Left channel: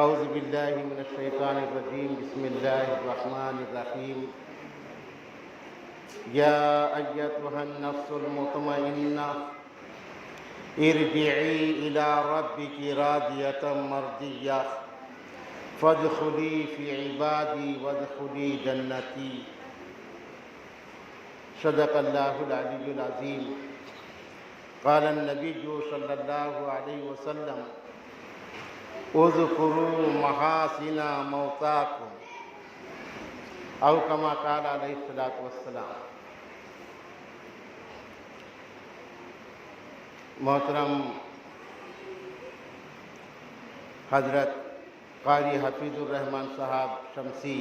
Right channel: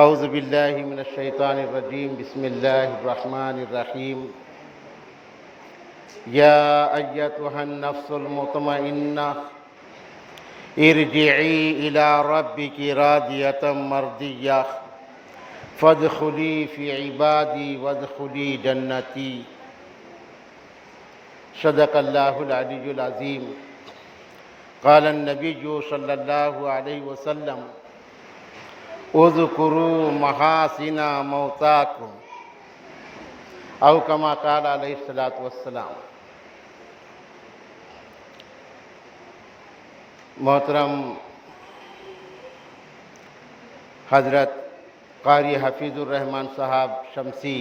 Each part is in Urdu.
اعوذ باللہ من الشیطان الرجیم بسم اللہ الرحمن الرحیم یا ایتها النفس المطمئنہ ارجعی الی ربک راضیۃ مرضیہ فادخلی فی عبادی وادخلی جنتی۔ صدق اللہ العلی العظیم۔ قال النبی صلی اللہ علیہ وسلم اذکروا محاسن موتاکم، او کما قال علیہ السلام۔ محترم حضرت قاری حفیظ الرحمن صاحب شمسی،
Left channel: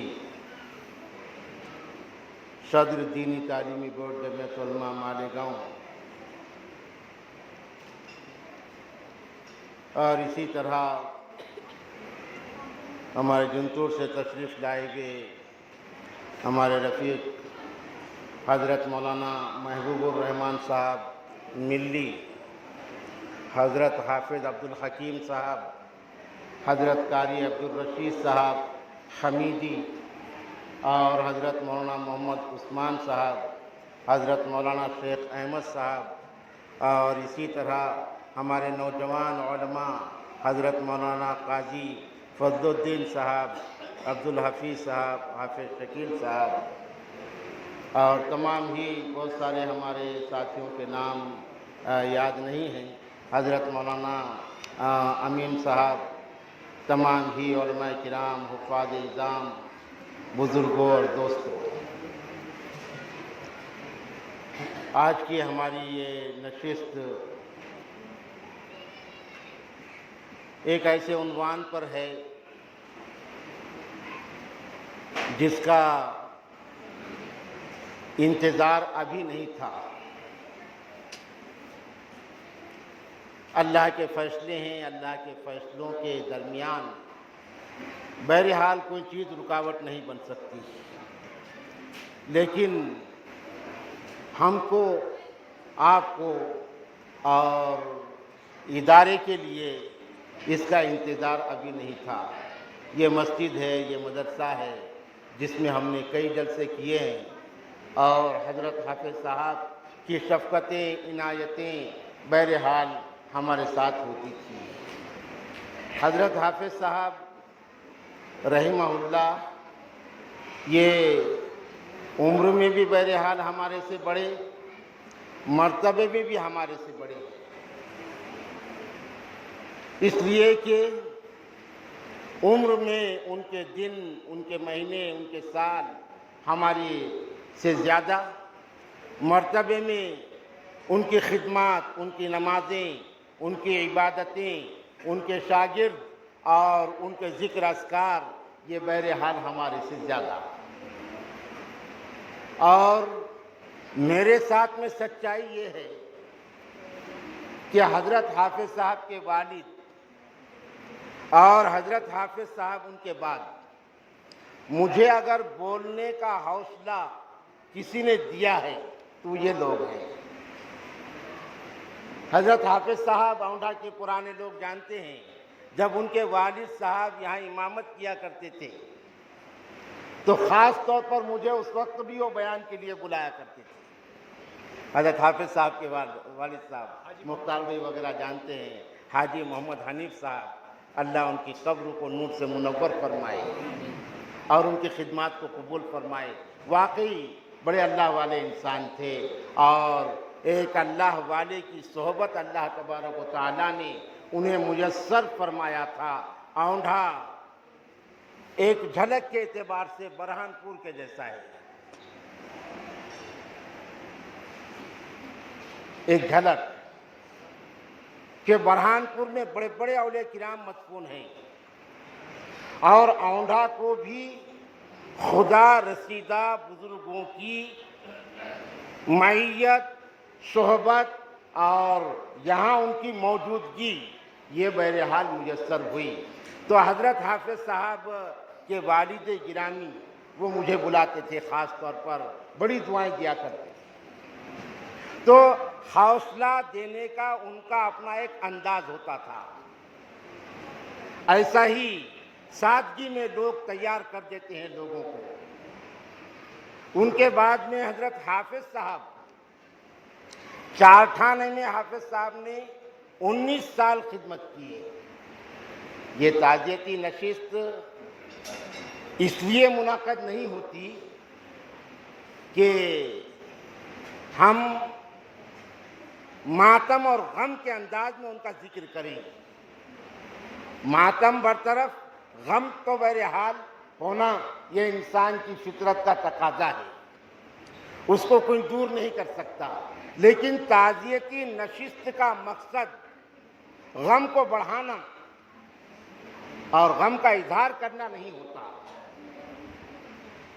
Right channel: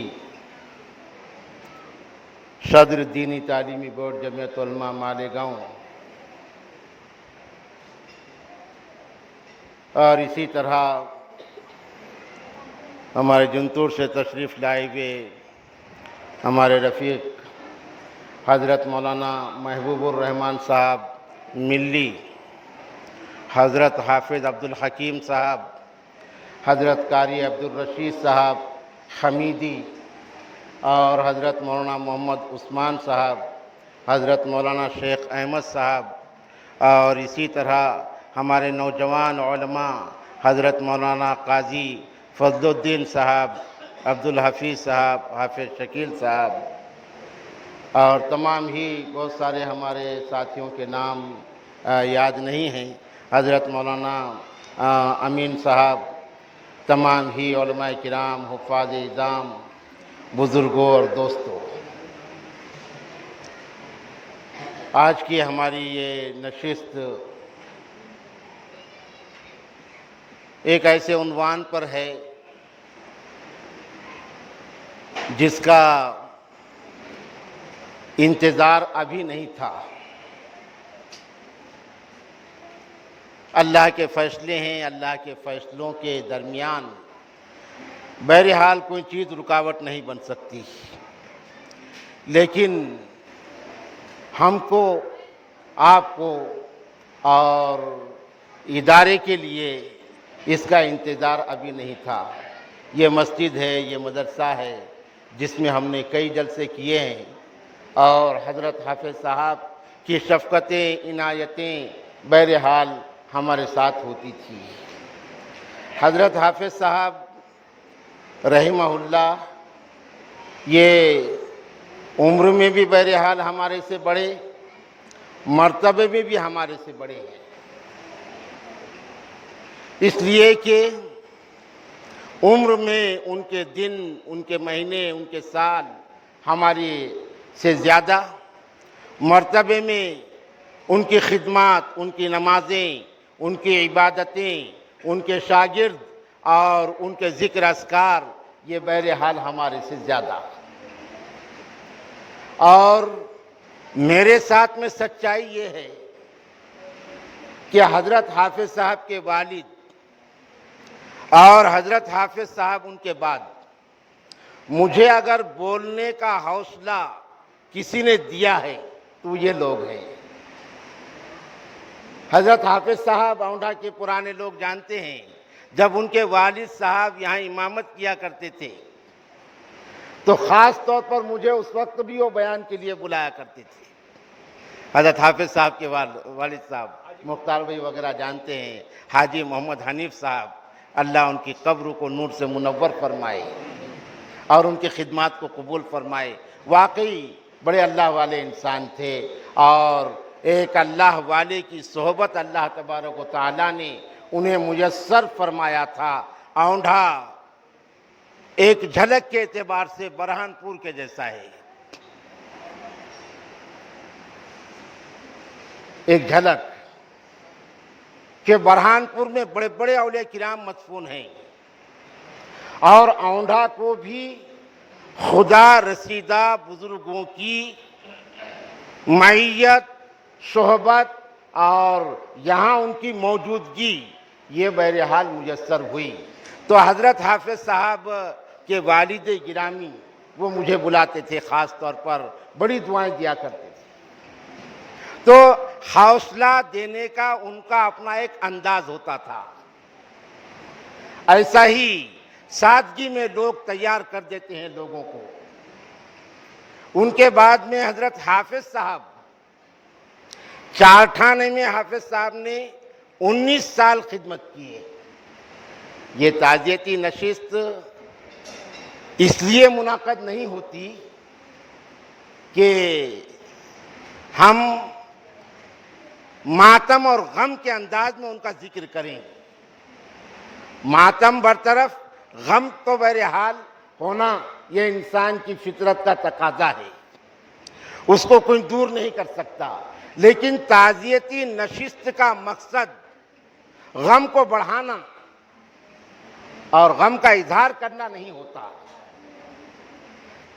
صدر دینی تعلیمی بورڈ جمعیت علماء مالیگاؤں، اور اسی طرح ہمارے جنتور سے تشریف لائے ہوئے ہمارے رفیق حضرت مولانا محبوب الرحمن صاحب ملی، حضرت حافظ عبدالحکیم صاحب، حضرت قاری عبدالرشید صاحب حمیدی، اور حضرت مولانا محمد عثمان صاحب، حضرت مولانا شیخ احمد صاحب، اور اسی طرح ہمارے نوجوان علماء حضرت مولانا قاضی فضل الدین صاحب، عبدالحفیظ صاحب، حافظ شکیل صاحب، اور تمام ہی بہت سارے ہمارے ساتھیوں کے نام یاد نہیں ہیں، حضرت مولانا امین صاحب، تمام ہی علماء کرام، حفاظ اعظام، بزرگوں اور دوستوں، آج کی ہماری یہ نشست ایک ایسے عنوان پر ہے جس کا انتظار ابھی نہیں تھا۔ اللہ کے فیصلے ہیں، اللہ کے فیصلوں کے درمیان بہرحال کوئی چیز رکاوٹ نہیں بن سکتی، لیکن ہم کو، آپ کو اور ادارے کے لیے اس کا انتظار ابھی نہیں تھا۔ یہ مسجد ہے، یہ مدرسہ ہے جس میں ہم نے کئی جلسے کیے ہیں، اور حضرت حافظ صاحب کی شفقتیں، عنایتیں بہرحال ہمارے ساتھ ہوتی تھی۔ حضرت حافظ صاحب رحمہ اللہ یہ عمر میں بھی بہرحال ہمارے سے بڑے، مرتبے میں بھی ہمارے سے بڑے ہیں، اس لیے کہ عمر میں ان کے دن، ان کے مہینے، ان کے سال ہماری سے زیادہ، مرتبے میں ان کی خدمات، ان کی نمازیں، ان کی عبادتیں، ان کے شاگرد اور ان کے ذکر اذکار یہ بہرحال ہمارے سے زیادہ۔ اور میرے ساتھ میں سچائی یہ ہے کہ حضرت حافظ صاحب کے والد اور حضرت حافظ صاحب ان کے بعد مجھے اگر بولنے کا حوصلہ کسی نے دیا ہے تو یہ لوگ ہیں۔ حضرت حافظ صاحب اونڈھا کے پرانے لوگ جانتے ہیں، جب ان کے والد صاحب یہاں امامت کیا کرتے تھے تو خاص طور پر مجھے اس وقت بھی وہ بیان کے لیے بلایا کرتے تھے۔ حضرت حافظ صاحب کے والد صاحب مختار بھائی وغیرہ جانتے ہیں، حاجی محمد حنیف صاحب، اللہ ان کی قبر کو نور سے منور فرمائے اور ان کی خدمات کو قبول فرمائے۔ واقعی بڑے اللہ والے انسان تھے، اور ایک اللہ والے کی صحبت اللہ تبارک و تعالیٰ نے انہیں میسر فرمایا تھا۔ اونڈھا ایک جھلک کے اعتبار سے برہان پور کے جیسا ہے، ایک جھلک کہ برہان پور میں بڑے بڑے اولیاء کرام مدفون ہیں، اور اونڈھا کو بھی خدا رسیدہ بزرگوں کی معیت، صحبت اور یہاں ان کی موجودگی یہ بہرحال میسر ہوئی۔ تو حضرت حافظ صاحب کے والد گرامی وہ مجھے بلاتے تھے، خاص طور پر بڑی دعائیں دیا کرتے تھے۔ تو حوصلہ دینے کا ان کا اپنا ایک انداز ہوتا تھا۔ ایسا ہی سادگی میں لوگ تیار کر دیتے ہیں لوگوں کو۔ ان کے بعد میں حضرت حافظ صاحب، چارٹھانے میں حافظ صاحب نے 19 سال خدمت کی ہے۔ یہ تعزیتی نشست اس لیے منعقد نہیں ہوتی کہ ہم ماتم اور غم کے انداز میں ان کا ذکر کریں۔ ماتم برطرف، غم تو بہرحال ہونا یہ انسان کی فطرت کا تقاضا ہے، اس کو کوئی دور نہیں کر سکتا، لیکن تعزیتی نشست کا مقصد غم کو بڑھانا اور غم کا اظہار کرنا نہیں ہوتا۔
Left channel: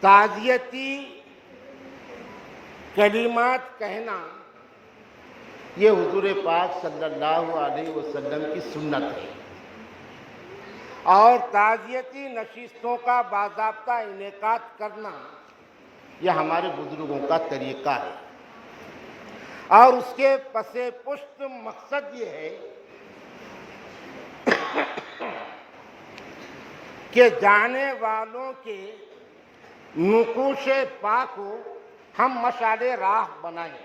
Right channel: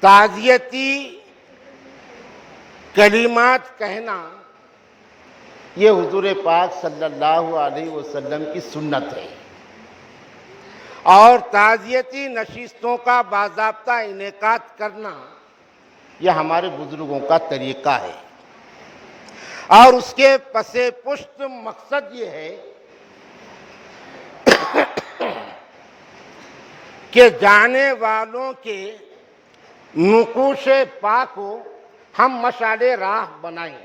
تعزیتی کلمات کہنا یہ حضور پاک صلی اللہ علیہ وسلم کی سنت ہے، اور تعزیتی نشستوں کا باضابطہ انعقاد کرنا یہ ہمارے بزرگوں کا طریقہ ہے، اور اس کے پس پشت مقصد یہ ہے کہ جانے والوں کے نقوش پا کو ہم مشعل راہ بنائیں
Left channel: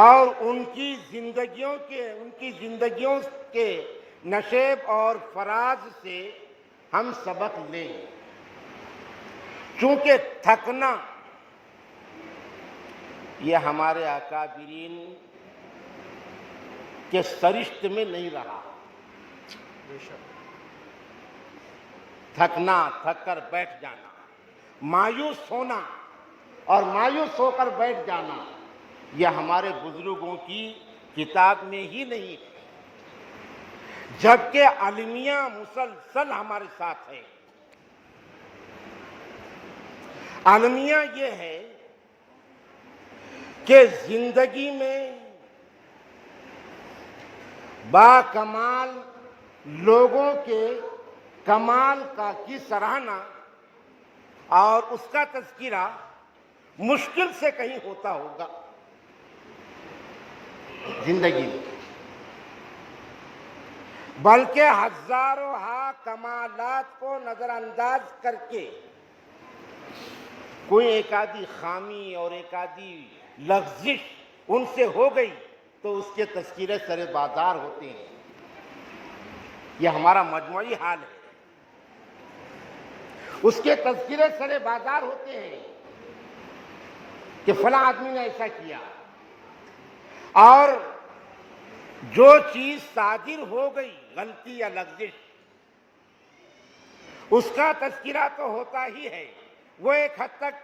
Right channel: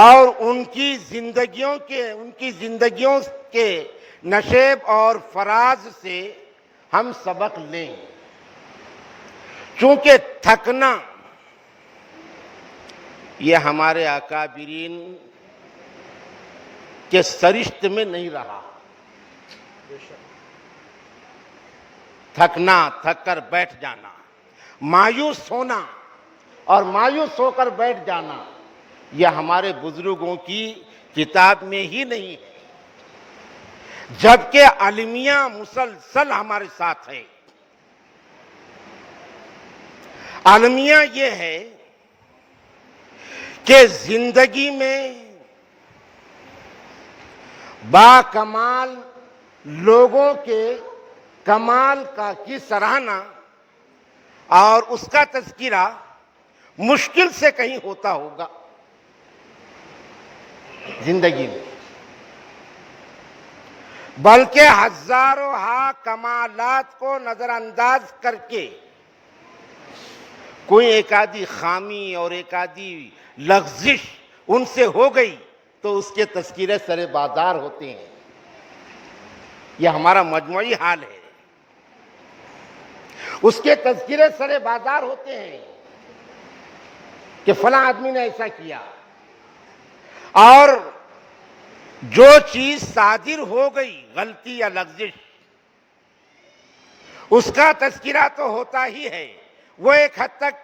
اور ان کی زندگیوں کے نشیب اور فراز سے ہم سبق لیں، چونکہ تھکنا یہ ہمارے اکابرین کے سرشت میں نہیں رہا۔ تھکنا، تھک کر بیٹھ جانا، مایوس ہونا اور مایوس ہو کر بیٹھ جانا یہ ہمارے بزرگوں کی کتاب میں ہی نہیں ہے، جبکہ المیہ مسلسل ہمارے ساتھ ہے۔ المیہ یہ ہے کہ زندگی میں با کمال لوگوں کے کمال کی سراہنا اور اس کا تذکرہ مشکل سے کہیں ہوتا ہوگا زندگی میں، بلکہ ہزاروں کمالات کو نظر انداز کر کے کوئی ایک آدھی خامی اور ایک آدھی لغزش ان سے ہو گئی تو اس کے تذکرے سر بازار ہوتے ہیں۔ یہ ہمارا مجموعی حال ہے، اس کے تذکرے سر بازار ہوتے ہیں کہ فلاں آدمی نے ایسا کیا، اور جو چیز صادر ہو گئی غلطی یا لغزش اس کا تذکرہ تو ہوتا ہی ہے، وہ ایک حد تک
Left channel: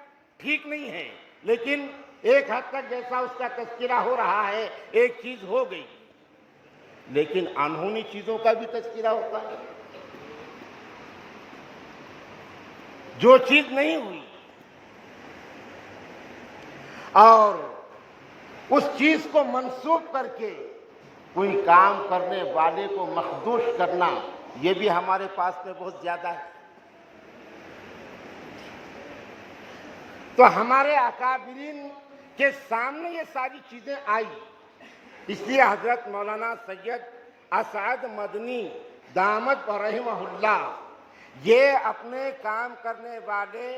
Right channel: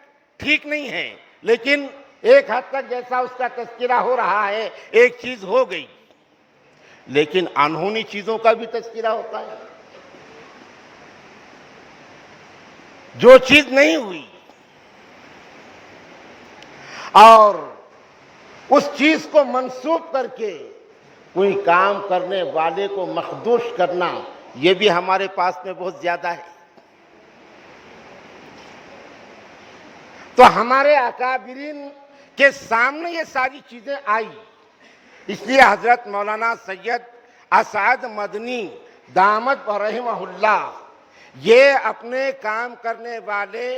ٹھیک نہیں ہے، لیکن ایک حد تک جیسا اس کا تذکرہ ہو رہا ہے ایک چیز ہو گئی، لیکن انہونی چیزوں کا بھی تذکرہ ہوتا ہے، جو چیز نہیں ہوئی اور اس چیز کو منسوب کر کے کوئی کام کرنے والے کو مخدوش کرنا یہ بھی ہمارے پاس میں بہت زیادہ ہے۔ تو ہمارے اکابرین کے سامنے یہ ساری چیزیں آئی، اس لیے حضرت مولانا سید اسعد مدنی دامت رحمہ اللہ یہ اپنے کام کرنے والے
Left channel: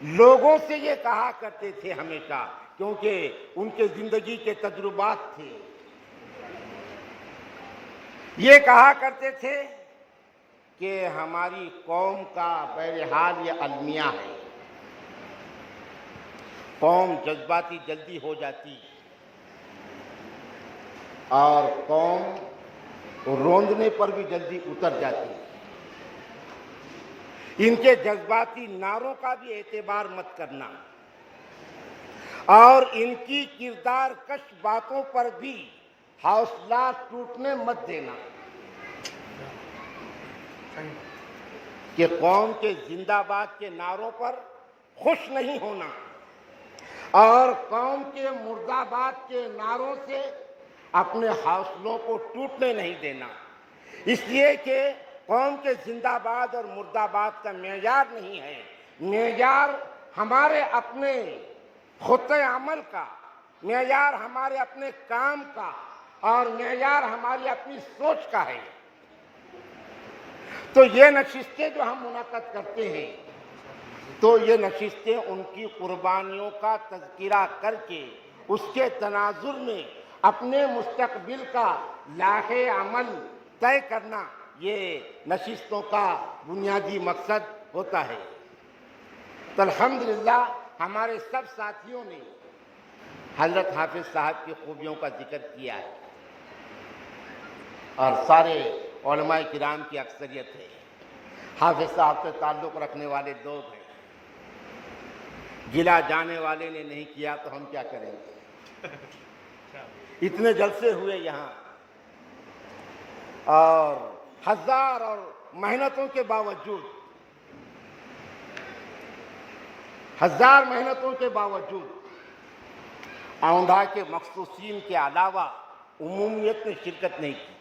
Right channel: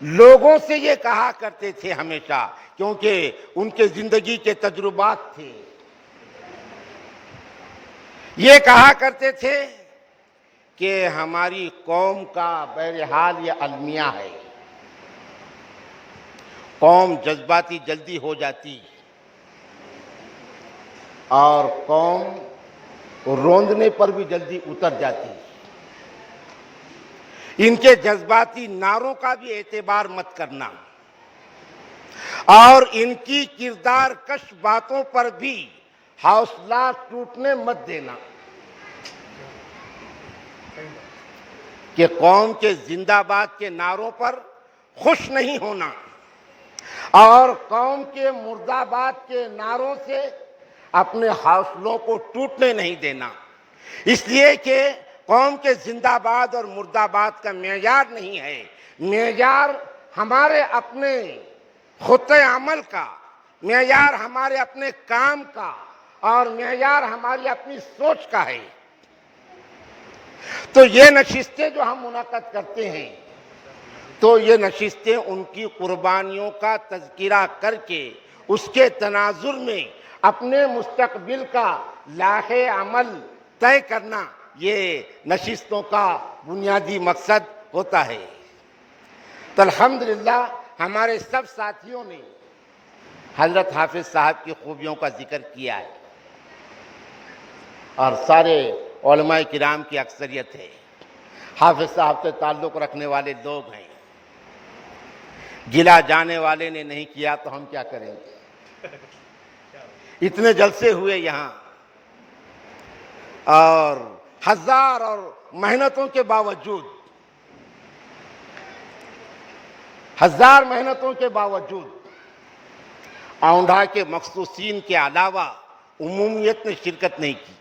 لوگوں سے یہ کہا کرتے تھے ہمیشہ، کیونکہ ان کے زندگی کے تجربات تھے، یہ کہا کرتے تھے کہ ہماری قوم کا بہرحال یہ المیہ ہے، قوم جذباتی جلدی ہو جاتی اور قوم روندنے پر بھی جلدی اتر جاتی، ان کے جذباتی نعروں کا بھی اعتبار مت کرنا اور ان کی کردار کش باتوں پر بھی حوصلہ ٹوٹنے مت دینا، کہ قوم کے زندہ باد کے نعروں پر خوش نہیں ہونا اور قوم کے مرد آباد کے نعروں سے اپنے حوصلوں کو ٹوٹنے نہیں دینا، اس لیے کہ قوم کے زندہ باد اور مرد آباد کا معیار نہیں ہے، معیار ہمارے اپنے خطۂ عمل کا، معیار ہمارے اپنے کام کا اور معیار ہماری اپنی سوچ کا ہے. تو یہ نشستیں جو ہم منعقد کرتے ہیں تو یہ نشستیں ان کی قربانیوں کا تذکرہ کر کے اس کے تناظر میں اپنے مستقبل کا لاحِ عمل طے کرنا یہ نشستوں کا بنیادی مقصد ہوتا ہے. تو الحمدللہ ہمارے سب ساتھیوں نے حضرت حافظ صاحب کی خوبیوں کا ذکر کیا ہے اور سارے علماء کرام کی اکثریت ہے. حافظ صاحب سے تعلق رکھنے والے لوگ ہیں. گلا جانے والے نے نہیں کیا تو ہم کیا کریں گے. اتنے جلسے ہوئے یہاں اور ہزار اور محنتوں کے باوجود اونڈھا کے مخصوصین کے علاوہ عمومیت نے شرکت نہیں کی.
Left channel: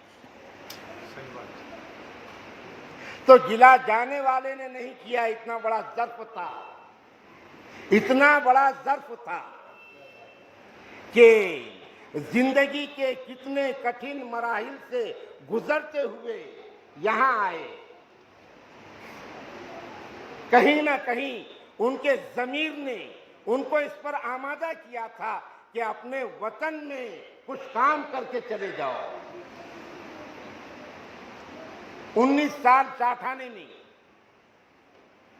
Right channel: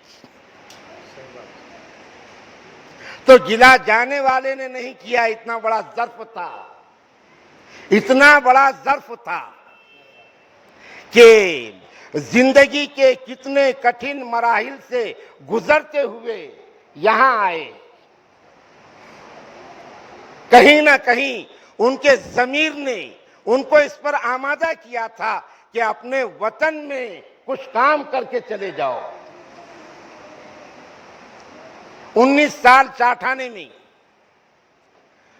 تو گلا جانے والے نے نہیں کیا. اتنا بڑا ظرف تھا کہ زندگی کے کتنے کٹھن مراحل سے گزرتے ہوئے یہاں آئے. کہیں نہ کہیں ان کے ضمیر نے ان کو اس پر آمادہ کیا تھا کہ اپنے وطن میں کچھ کام کر کے چلے جاؤ. 19 سال چاٹھانے میں،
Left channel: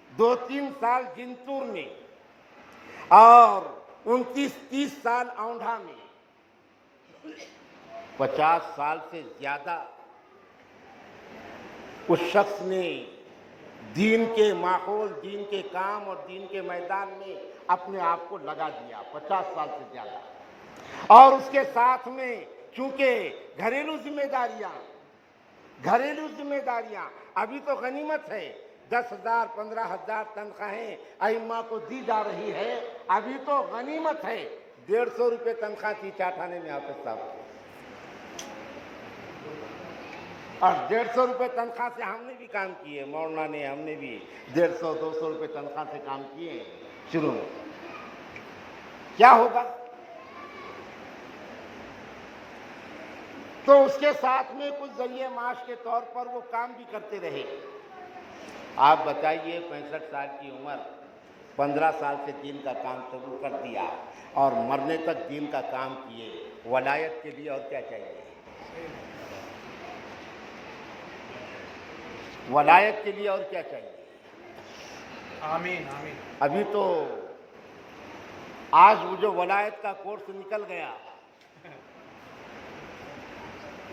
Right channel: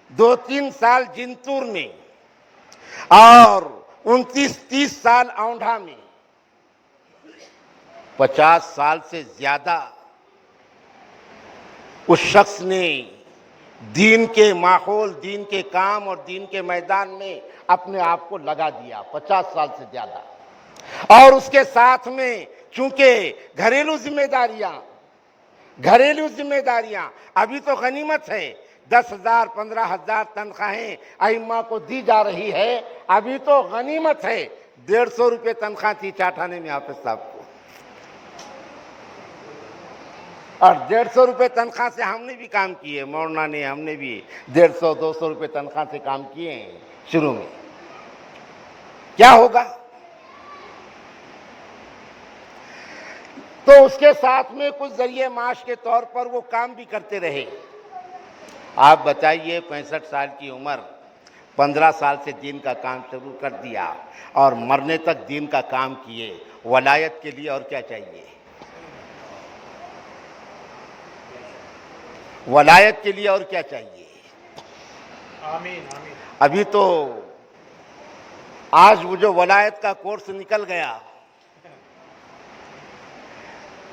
2-3 سال جنتور میں اور 29-30 سال اونڈھا میں، 50 سال سے زیادہ اس شخص نے دین کے ماحول، دین کے کام اور دین کے میدان میں اپنے آپ کو لگا دیا. 50 سال سے زیادہ. اور اس کے ساتھ میں چونکہ گھریلو ذمہ داریاں ابھی تو غنیمت ہے. 10,000 15,000 تنخواہیں ائمہ کو دی جا رہی ہے. ابھی تو غنیمت ہے. 150 روپے تنخواہ تھی چاٹھانے میں حافظ صاحب کو. اور 150 روپے تنخواہ سے ہم نے بھی کام کیے. مولانا نے، ہم نے بھی 150-200 روپے تنخواہ سے کام کیے ہیں شروع میں. کیا ہوگا؟ تو اس کے ساتھ میں کچھ ذریعہ معاش کے طور پر وہ کام بھی کرتے رہے. آپ بتائیے 65 سال کی عمر، 15 سال سے دین کا کام شروع کر دیا اور مرنے تک دین کا کام کیے. ولایت کے لیے اور کیا چاہیے؟ ولایت کے لیے اور کیا چاہیے؟ آمین. ابھی تو آج وہ جو ولایت کا کورس نکل گیا،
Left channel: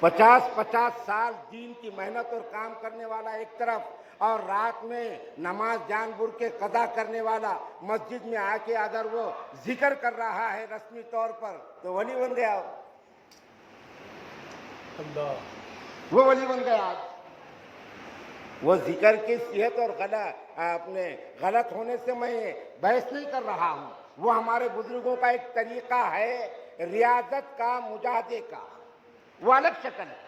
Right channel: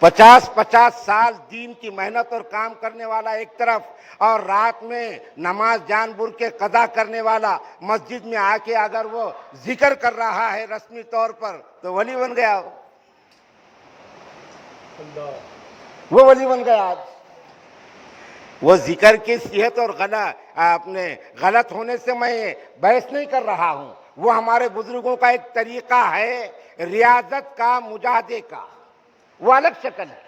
50 سال دین کی محنت اور کام کرنے والا ایک طرف، اور رات میں نماز جان بوجھ کے قضا کرنے والا مسجد میں آ کے اگر وہ ذکر کر رہا ہے رسمی طور پر تو ولی بن گیا. وہ ولی بن گیا. وہ ذکر کی صحت اور غلط ہونے سے میں بحث نہیں کر رہا ہوں. وہ ہمارے بزرگوں کا ایک طریقہ ہے ریاضت کا، مجاہدے کا. وہ الگ شکل ہے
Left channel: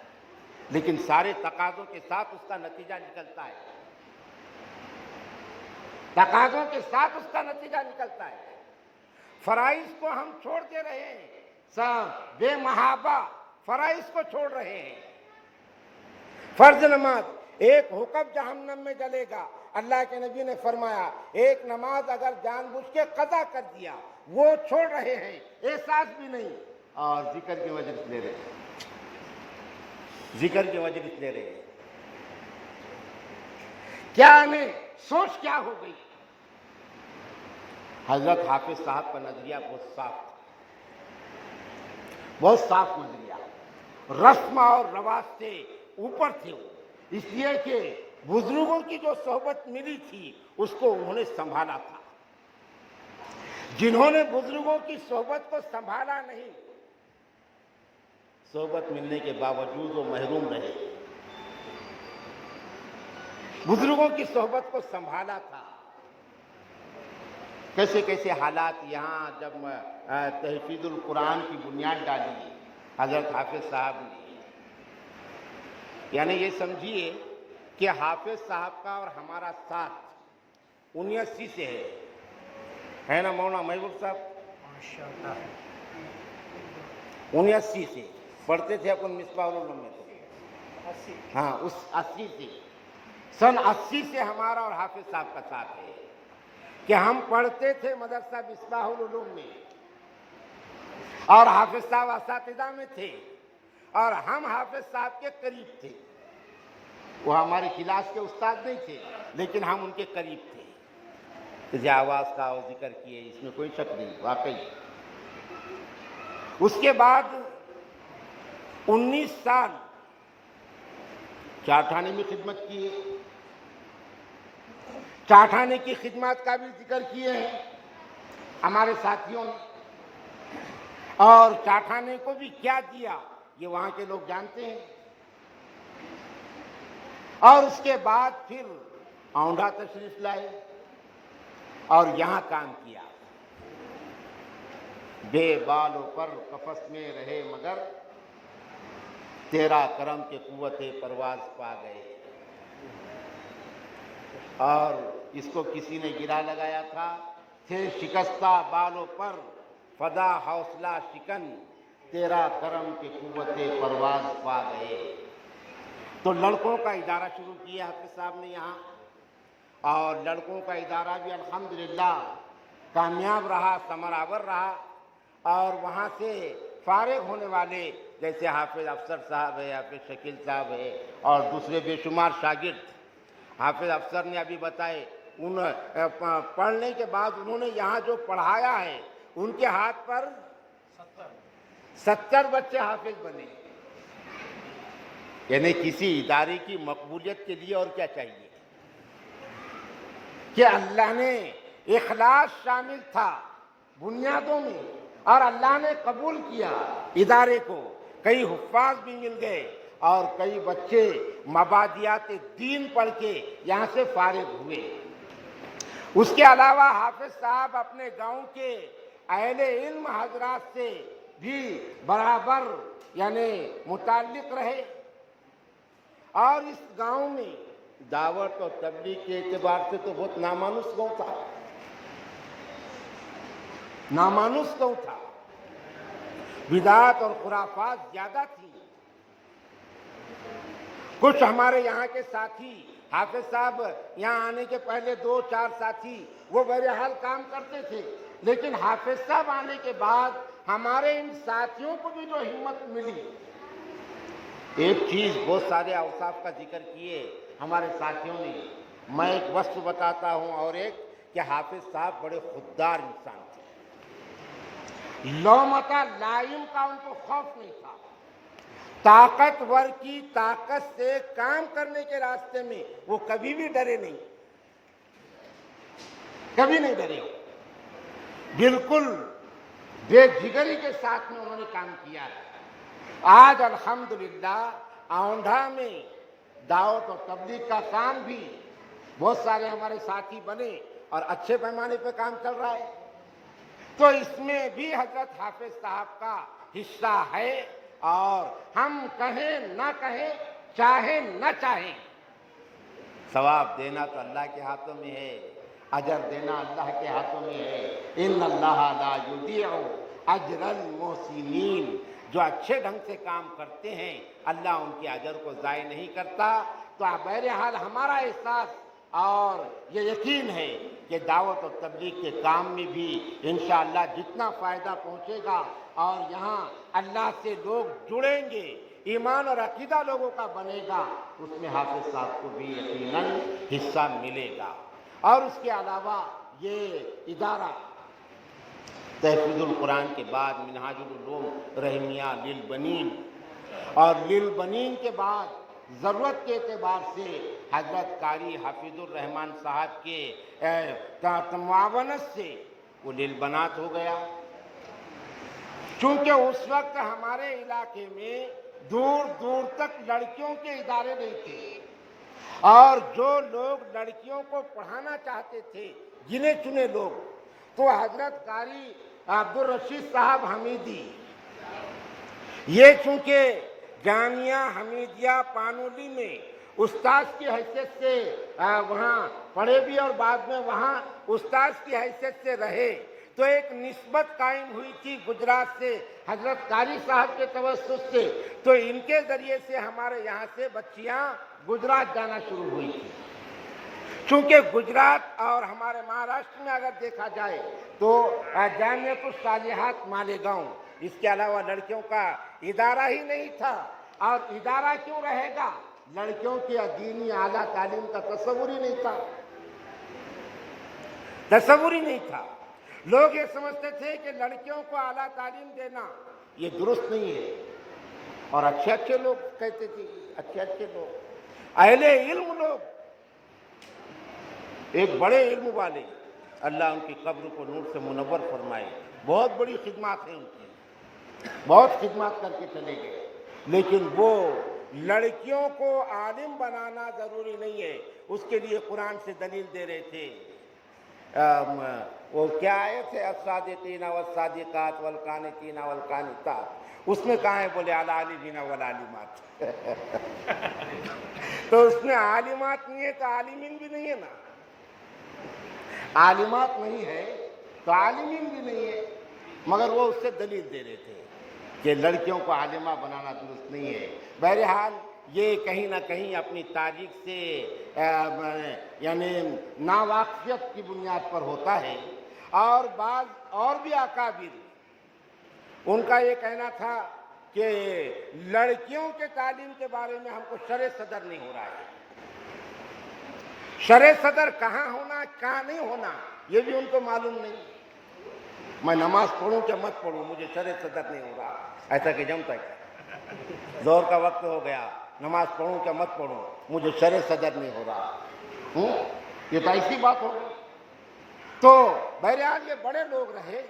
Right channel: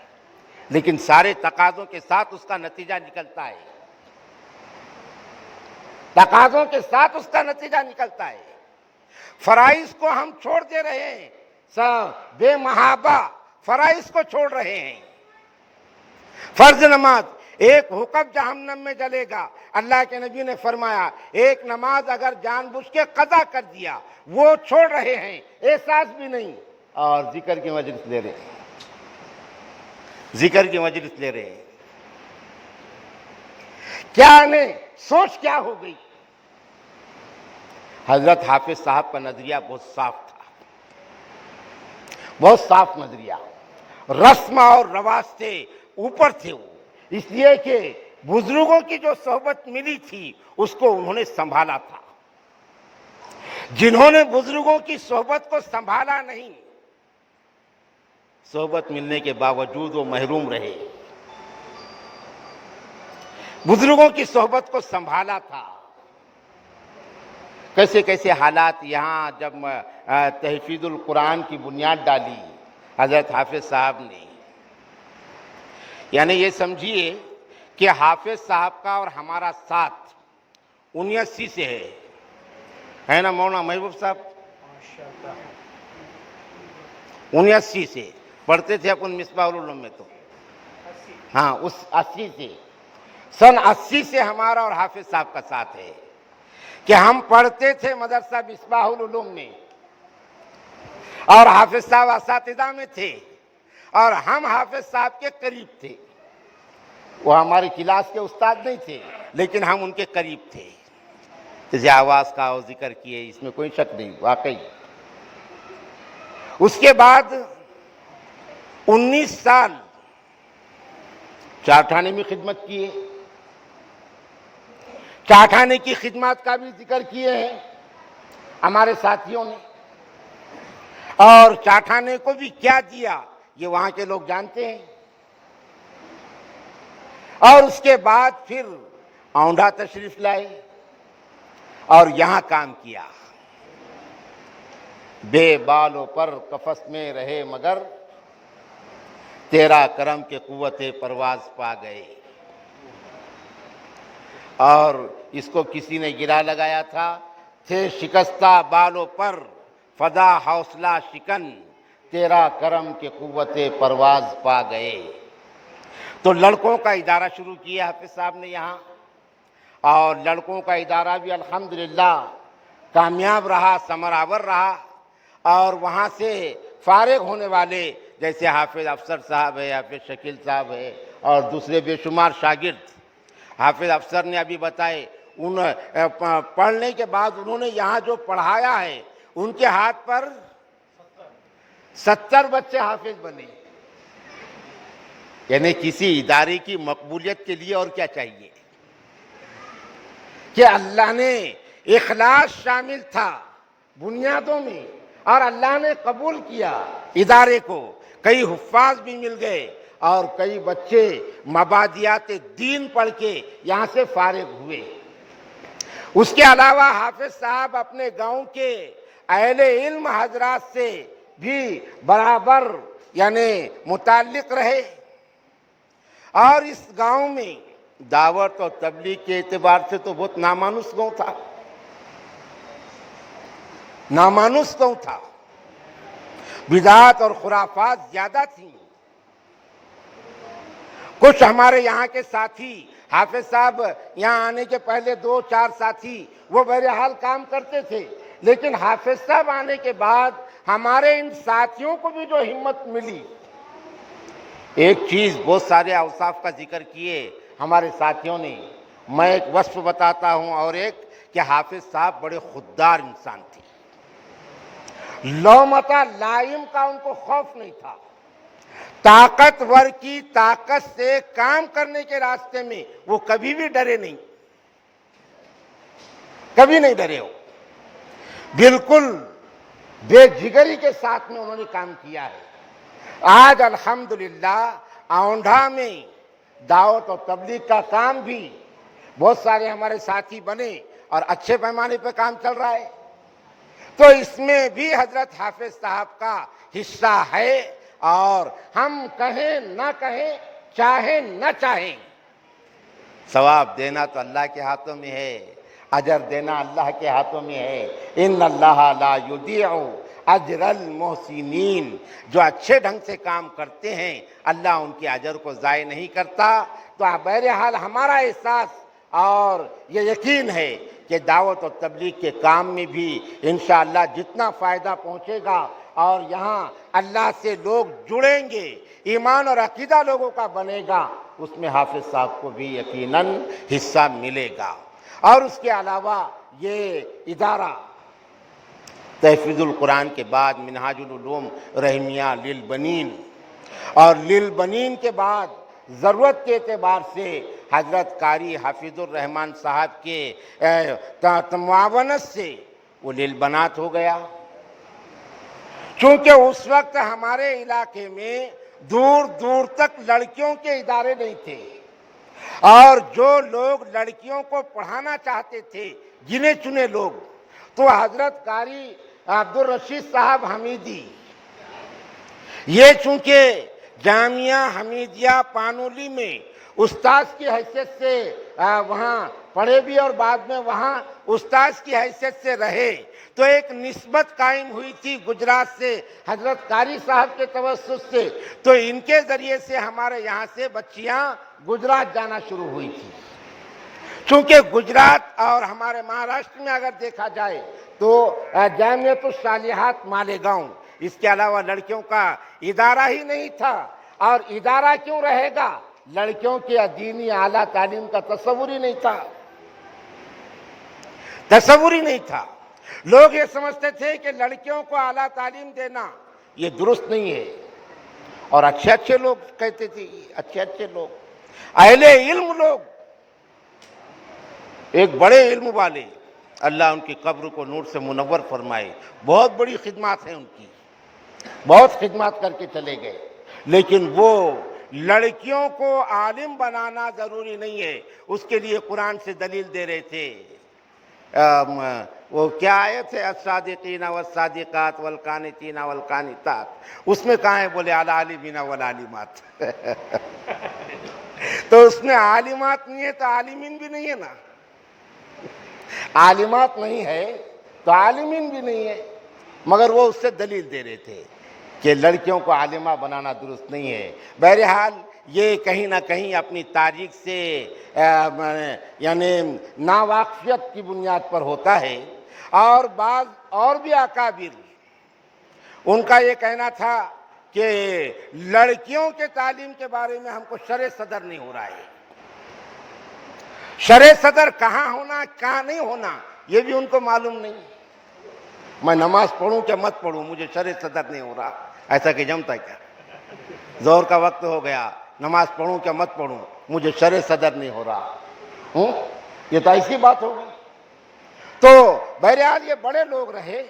لیکن سارے تقاضوں کے ساتھ اس کا نتیجہ نکلتا ہے. فرائض کو ہم چھوڑ دے رہے ہیں. سب بے محابہ فرائض کو چھوڑ رہے ہیں. فرض نماز، ایک حکم جہنم میں جلے گا. اللہ کے نبی نے فرمایا ایک نماز اگر جان بوجھ کے قضا کر دیا وہ چھوڑ رہے ہیں، احساس بھی نہیں. اور ذکر کی مجلس لے رہے ہیں. کیا نہیں سوچ کیا ہو گئی. حضرت حافظ صاحب کا نظریہ بہت صاف تھا، بہت صاف نظریہ. رسم اور رواج سے اوپر تھے وہ، اس لیے کہ بزرگوں کی جو صحبت ملی تھی اس کو انہوں نے سنبھالا تھا. جنہوں نے بزرگوں کی صحبت کو سنبھالا نہیں، صحبت ملنے کے باوجود وہ محروم رہے. بزرگوں کی صحبت کو سنبھالا تھا. کیسے کیسے حالات یہاں جب تحفیظ القرآن کی بنیاد ڈالی حضرت حافظ صاحب نے. یعنی یہ سمجھیے کہ حافظ صاحب کا اور ہمارا ساتھ 79 سے ہے نا مولانا محبوب صاحب؟ 79 سے پڑھتے تھے اپن مصباح العلوم میں تو ہاں اس 80 سے سن 80 سے ہمارا اور حافظ صاحب کا ساتھ ہے کہ ہم پڑھتے تھے مدرسہ مصباح العلوم میں اور حافظ صاحب اساتذہ میں تھے اور ہم حافظ صاحب کے قریب تھے. وہ ہماری کلاس کے استاد نہیں تھے لیکن ہم ان کے قریب تھے. جیسے آواز کا اور ذکر کیے اس میں کوئی شک نہیں واقعی. اس کے بعد 19 سال چارٹھانے میں خدمت کیے. چارٹھانے کی خدمات کا بھی ذکر کیے ہیں ہمارے ساتھیوں نے اور چارٹھانے کو بھی کیا دیا یہ وہاں کے لوگ جانتے ہیں. اور اس کے بعد پھر اونڈھا تشریف لائے اور یہاں کام کیا. بے بالوں پر قفس میں رہے مگر تیرا کرم کے قوت پرواز پا گئے. اور اس کو کسی نے گرا لگایا تھا تھے شکستہ بالوں پر فدا حوصلہ شکن تیرا کرم کے قوت پرواز پا گئے. تو لڑکوں کا ادارہ شروع کیا حافظ صاحب نے یہاں اور لڑکوں کا ادارہ بھی الحمدللہ کامیاب رہا ثمرآور رہا. اور وہاں سے فارغ ہونے والے جیسے حافظ افسر صاحب ہے حافظ شکیل صاحب ہے اور دوسرے بے شمار شاگرد. حافظ افسر نے ابھی بتائے پڑھنے کے بعد انہوں نے یہاں جو پڑھایا ہے ان کے ہاتھ پر 70 بچے حافظ بنے. یعنی کسی ادارے کی مقبولیت کے لیے اور کیا چاہیے کہ اللہ نے اخلاص شامل تھا بنیادوں میں اور اللہ نے قبول کیا ادارے کو. کئی حفاظ بھی مل گئے اور کئی بچے مبادیات دین پڑھ کے یہاں سے فارغ ہوئے. اس کے علاوہ حافظ صاحب اپنے گاؤں کے اہل علم حضرات سے بھی برابر یعنی متعلق رہے. اور اس گاؤں میں دعوت اور تبلیغ کے اعتبار سے تو بہت نامانوس گاؤں تھا. نامانوس گاؤں تھا. بدعات اور خرافات زیادہ تھیں. کچھ ہمارے یہاں کے ساتھی حافظ صاحب یہاں آنے کے پہلے 2-4 ساتھی وہ بہرحال کام کرتے تھے لیکن حافظ صاحب آنے کے بعد ہمارے ان ساتھیوں کو بھی جو ہمت ملی. ایک چیز بہت سارے اوصاف کا ذکر کیے ہمارے ساتھیوں نے. میں ایک وصف بتاتا ہوں اور ایک کہ حافظ صاحب بڑے خوددار انسان تھے. لومتا لائم کا ان کو خوف نہیں تھا. طاقتور کی طاقت سے کام کرنے کے راستے میں وہ کبھی بھی ڈرے نہیں. کبھی نہیں ڈرے. ہو بالکل بے جگری کے ساتھ میں انہوں نے کام کیا ہے. آج الحمدللہ اونڈھا میں دعوت اور تبلیغ کا کام بھی بہت سارے ہمارے ساتھی بنے اور اچھے پیمانے پہ کام چل رہا ہے. تو اس میں بھی حضرت حافظ صاحب کا حصہ ہے اور ہم کہیں نہ کہیں چاہیں نہ چاہیں ثواب دینا تو اللہ کے ہاتھوں میں ہے. اجر دینا اللہ کے ہاتھوں میں ہے. ان اللہ لا یضیع اجر المحسنین. جو اچھے ڈھنگ سے کام کرتے ہیں اللہ ان کے اجر کو ضائع نہیں کرتا. تو بہرحال ہمارا احساس اور یہ یقین ہے کہ دعوت و تبلیغ کے کام میں بھی انشاءاللہ جتنا فائدہ پہنچے گا اور یہاں اللہ سے لوگ جڑیں گے ایمان اور عقیدہ لوگوں کا بنے گا اس میں حافظ صاحب کو بھی یقیناً حصہ ملے گا. اور اس کے علاوہ یہ ادارہ تحفیظ القرآن کے بعد منہاج العلوم رحمیہ للبنین اور للبنین کے بعد ضرورت کے اعتبار سے حضرت قاری حفیظ الرحمن صاحب کے معاونت سے وہ للبنات ہو گیا. چونکہ اس وقت ہمارے علاقے میں دور دور تک لڑکیوں کے ادارے نہیں تھے اور جو لوگ لڑکیوں کو پڑھانا چاہتے تھے گنے چنے لوگ تو حضرت قاری عبدالرشید صاحب حمیدی یہ چونکہ جامعہ حمیدیہ پانولی میں استاذ کی حیثیت سے وہاں پڑھے بھی اور بعد میں وہاں استاذ کی حیثیت سے رہے، تو ایک نسبت قائم ہوئی تھی گجرات سے حضرت قاری صاحب کے توسط سے، تو ان کے ذریعے سے ہمارے یہاں سے بچیاں گجرات جانا شروع ہوئی تھی۔ چونکہ گجرات اور ہمارے مہاراشٹر میں اگر دیکھا جائے تو جامعۃ الصالحات مالیگاؤں، اس کے علاوہ لڑکیوں کا ادارہ ہی نہیں تھا، اور ادارہ کیوں رہے گا؟ لڑکیوں کے دینی اعلیٰ تعلیم کا تصور ہی نہیں تھا، تصور ہی نہیں تھا۔ لوگ یہ سمجھتے تھے کہ لڑکیوں کو اعلیٰ تعلیم دینا یہ درست نہیں ہے، اور اچھے اچھے لوگ کہتے تھے، اچھے اچھے لوگ، اہل علم لوگ، ایک بڑے علم والے، اللہ ان کی قبر کو نور سے منور فرمائے، بہت بڑی خدمات ہیں ان کی، بہت خدمات کر کے چلے گئے، لیکن وہ لڑکیوں کو عالم بنانا ضروری نہیں ہے، اس کے لیے قرآن سے دلیل دے رہے تھے۔ وہ کیا آیت ہے؟ الصادقین والصادقات والقانتین والقانتات، اس میں کہاں ہے؟ بولے العالمین والعالمات تو اس میں عالمات نہیں ہے تو عالمین بھی نہیں ہے نا، عالمات نہیں ہے تو عالمین بھی نہیں ہے، مگر وہ اس سے دلیل دے رہے تھے کہ لڑکیوں کو عالمہ بنانا درست نہیں ہے۔ بہرحال یہ کہیں نہ کہیں اپنی تاریخ سے یعنی ناواقفیت کی بنیاد پر ہوتا ہے، اور بعض اور بھی اکابر ان کا یہ کہنا تھا کہ لڑکیوں کے تعلیم کے بارے میں ہم کو شرع صدر نہیں ہو رہا ہے، شرع صدر کہاں ہونا کہاں نہیں ہونا یہ بھی ان کو معلوم نہیں۔ میں نماز پڑھوں کہ مت پڑھوں، مجھے شرع صدر نہیں ہو رہا، ایسا کہ جمتا ہے کیا؟ زور کا وقت ہو گیا، نماز پڑھوں کہ مت پڑھوں، مجھے شرع صدر نہیں ہو رہا، یہ تو ایسی بات ہو گئی۔ تو بہرحال یہ بڑے لوگ رہے،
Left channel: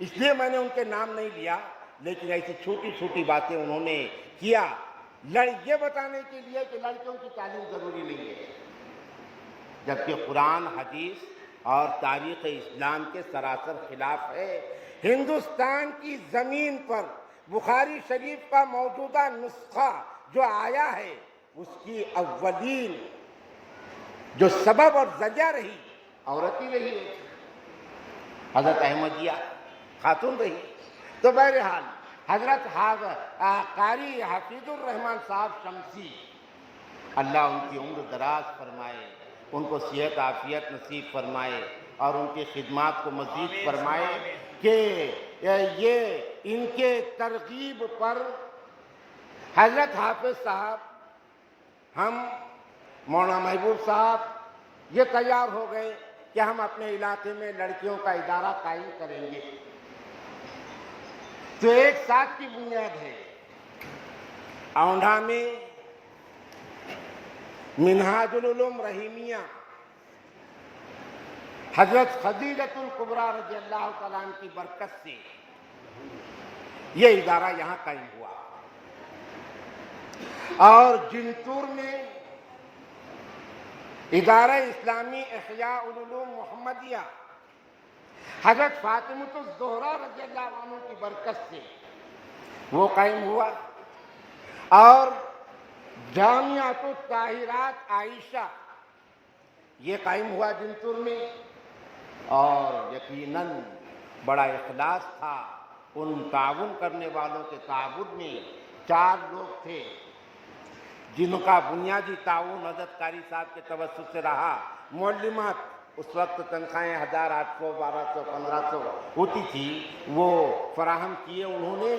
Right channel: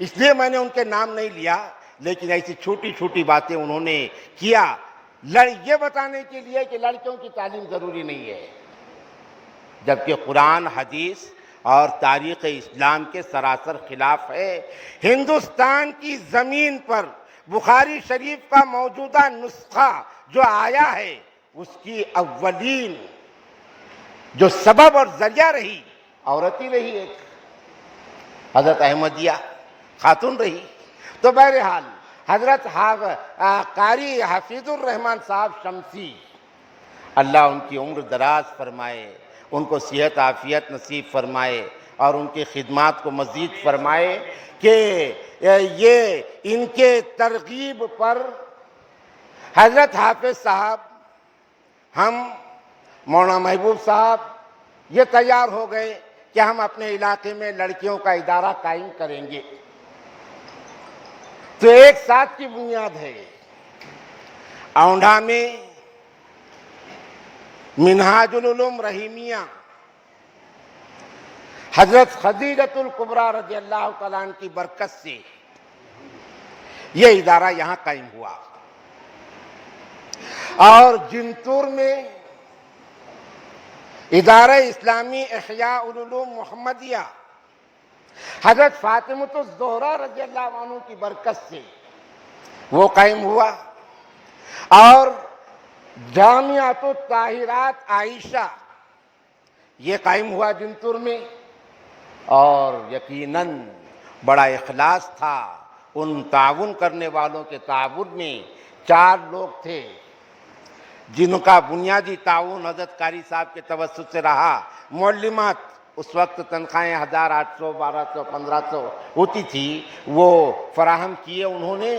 اس لیے میں نے ان کے نام نہیں لیا، لیکن ایسی چھوٹی چھوٹی باتیں انہوں نے کیا یہ بتانے کے لیے کہ لڑکیوں کی تعلیم ضروری نہیں ہے، جبکہ قرآن، حدیث اور تاریخ اسلام کے سراسر خلاف ہے۔ ہندوستان کی زمین پر بخاری شریف کا موجودہ نسخہ جو آیا ہے، اس کی اولین جو سبب اور ذریعہ رہی عورت ہی رہی ہے، حضرت احمدیہ خاتون رہی۔ تو بہرحال حضرت قاری حفیظ الرحمن صاحب شمسی، اللہ ان کی عمر دراز فرمائے، ان کو صحت عافیت نصیب فرمائے، اور ان کی خدمات کو مزید فرمائے، کہ یہ ان کے ترغیب پر حضرت حافظ صاحب، ہم مولانا محبوب صاحب یہ تیار ہو گئے کہ ہم اپنے علاقے میں لڑکیوں کا ادارہ قائم کریں گے۔ تو ایک ساتھ کی بنیاد ہے، اونڈھا میں منہاج العلوم رحیمیہ حضرت خدیجۃ الکبریٰ رضی اللہ تعالیٰ عنہ کی برکت سے یہ ادارہ یہاں قائم ہوا، اور جنتور میں ادارہ اسلامی احیاء العلوم محمدیہ حضرت فاطمۃ الزہرا رضی اللہ عنہ کی برکت سے وہ قائم ہوا، اور جامعۃ الطاہرات عائشہ یہ قائم ہوا جنتور میں، اور یقیناً بڑا اخلاص تھا ان تعاون کرنے والوں کے تعاون میں۔ 4 لوگ تھے جن کا بنیادی تعاون حضرت قاری صاحب کے توسط سے رہا۔ معلمات اس وقت تنخواہیں 1800 1200 1500 ہوتی تھی، وہ فراہم کیے انہوں نے۔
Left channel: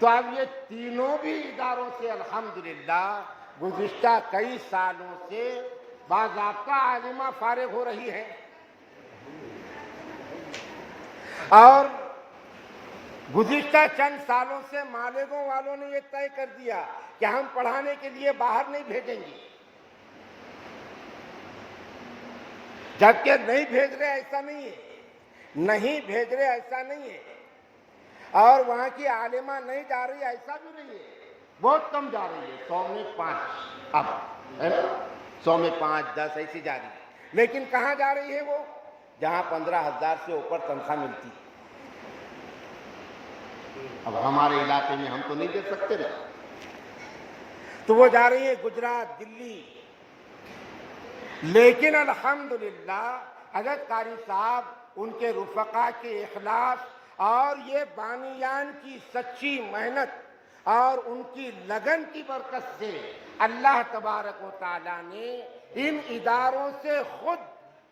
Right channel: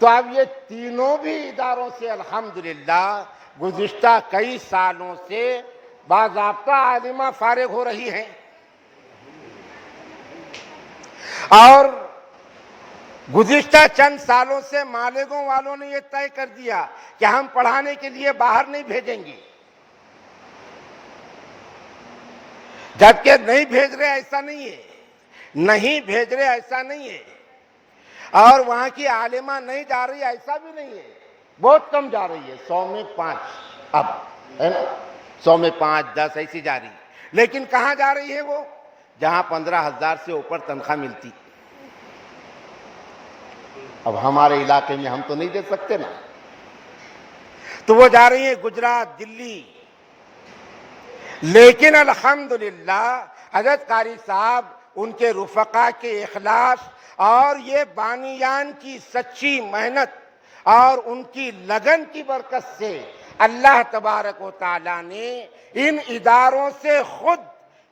تو اب یہ تینوں بھی اداروں سے الحمدللہ گزشتہ کئی سالوں سے باضابطہ عالمہ فارغ ہو رہی ہیں، اور گزشتہ چند سالوں سے مالیگاؤں والوں نے یہ طے کر دیا کہ ہم پڑھانے کے لیے باہر نہیں بھیجیں گے، جبکہ نہیں بھیج رہے ایسا نہیں ہے، نہیں بھیج رہے ایسا نہیں ہے، اور وہاں کی عالمہ نہیں جا رہی ایسا بھی نہیں ہے، بہت کم جا رہی ہے، 100 میں 5 اب ہے نا، 100 میں 5 10 ایسی جا رہی ہے، لیکن کہاں جا رہی ہے وہ؟ جہاں 15,000 سے اوپر تنخواہ ملتی۔ اب ہمارے علاقے میں ہم تو نہیں دے سکتے نا، تو وہ جا رہی ہیں گجرات، دلی، لیکن الحمدللہ حضرت قاری صاحب، ان کے رفقا کے اخلاص اور یہ بانیان کی سچی محنت اور ان کی لگن کی برکت سے اللہ تبارک و تعالیٰ نے ان اداروں سے خود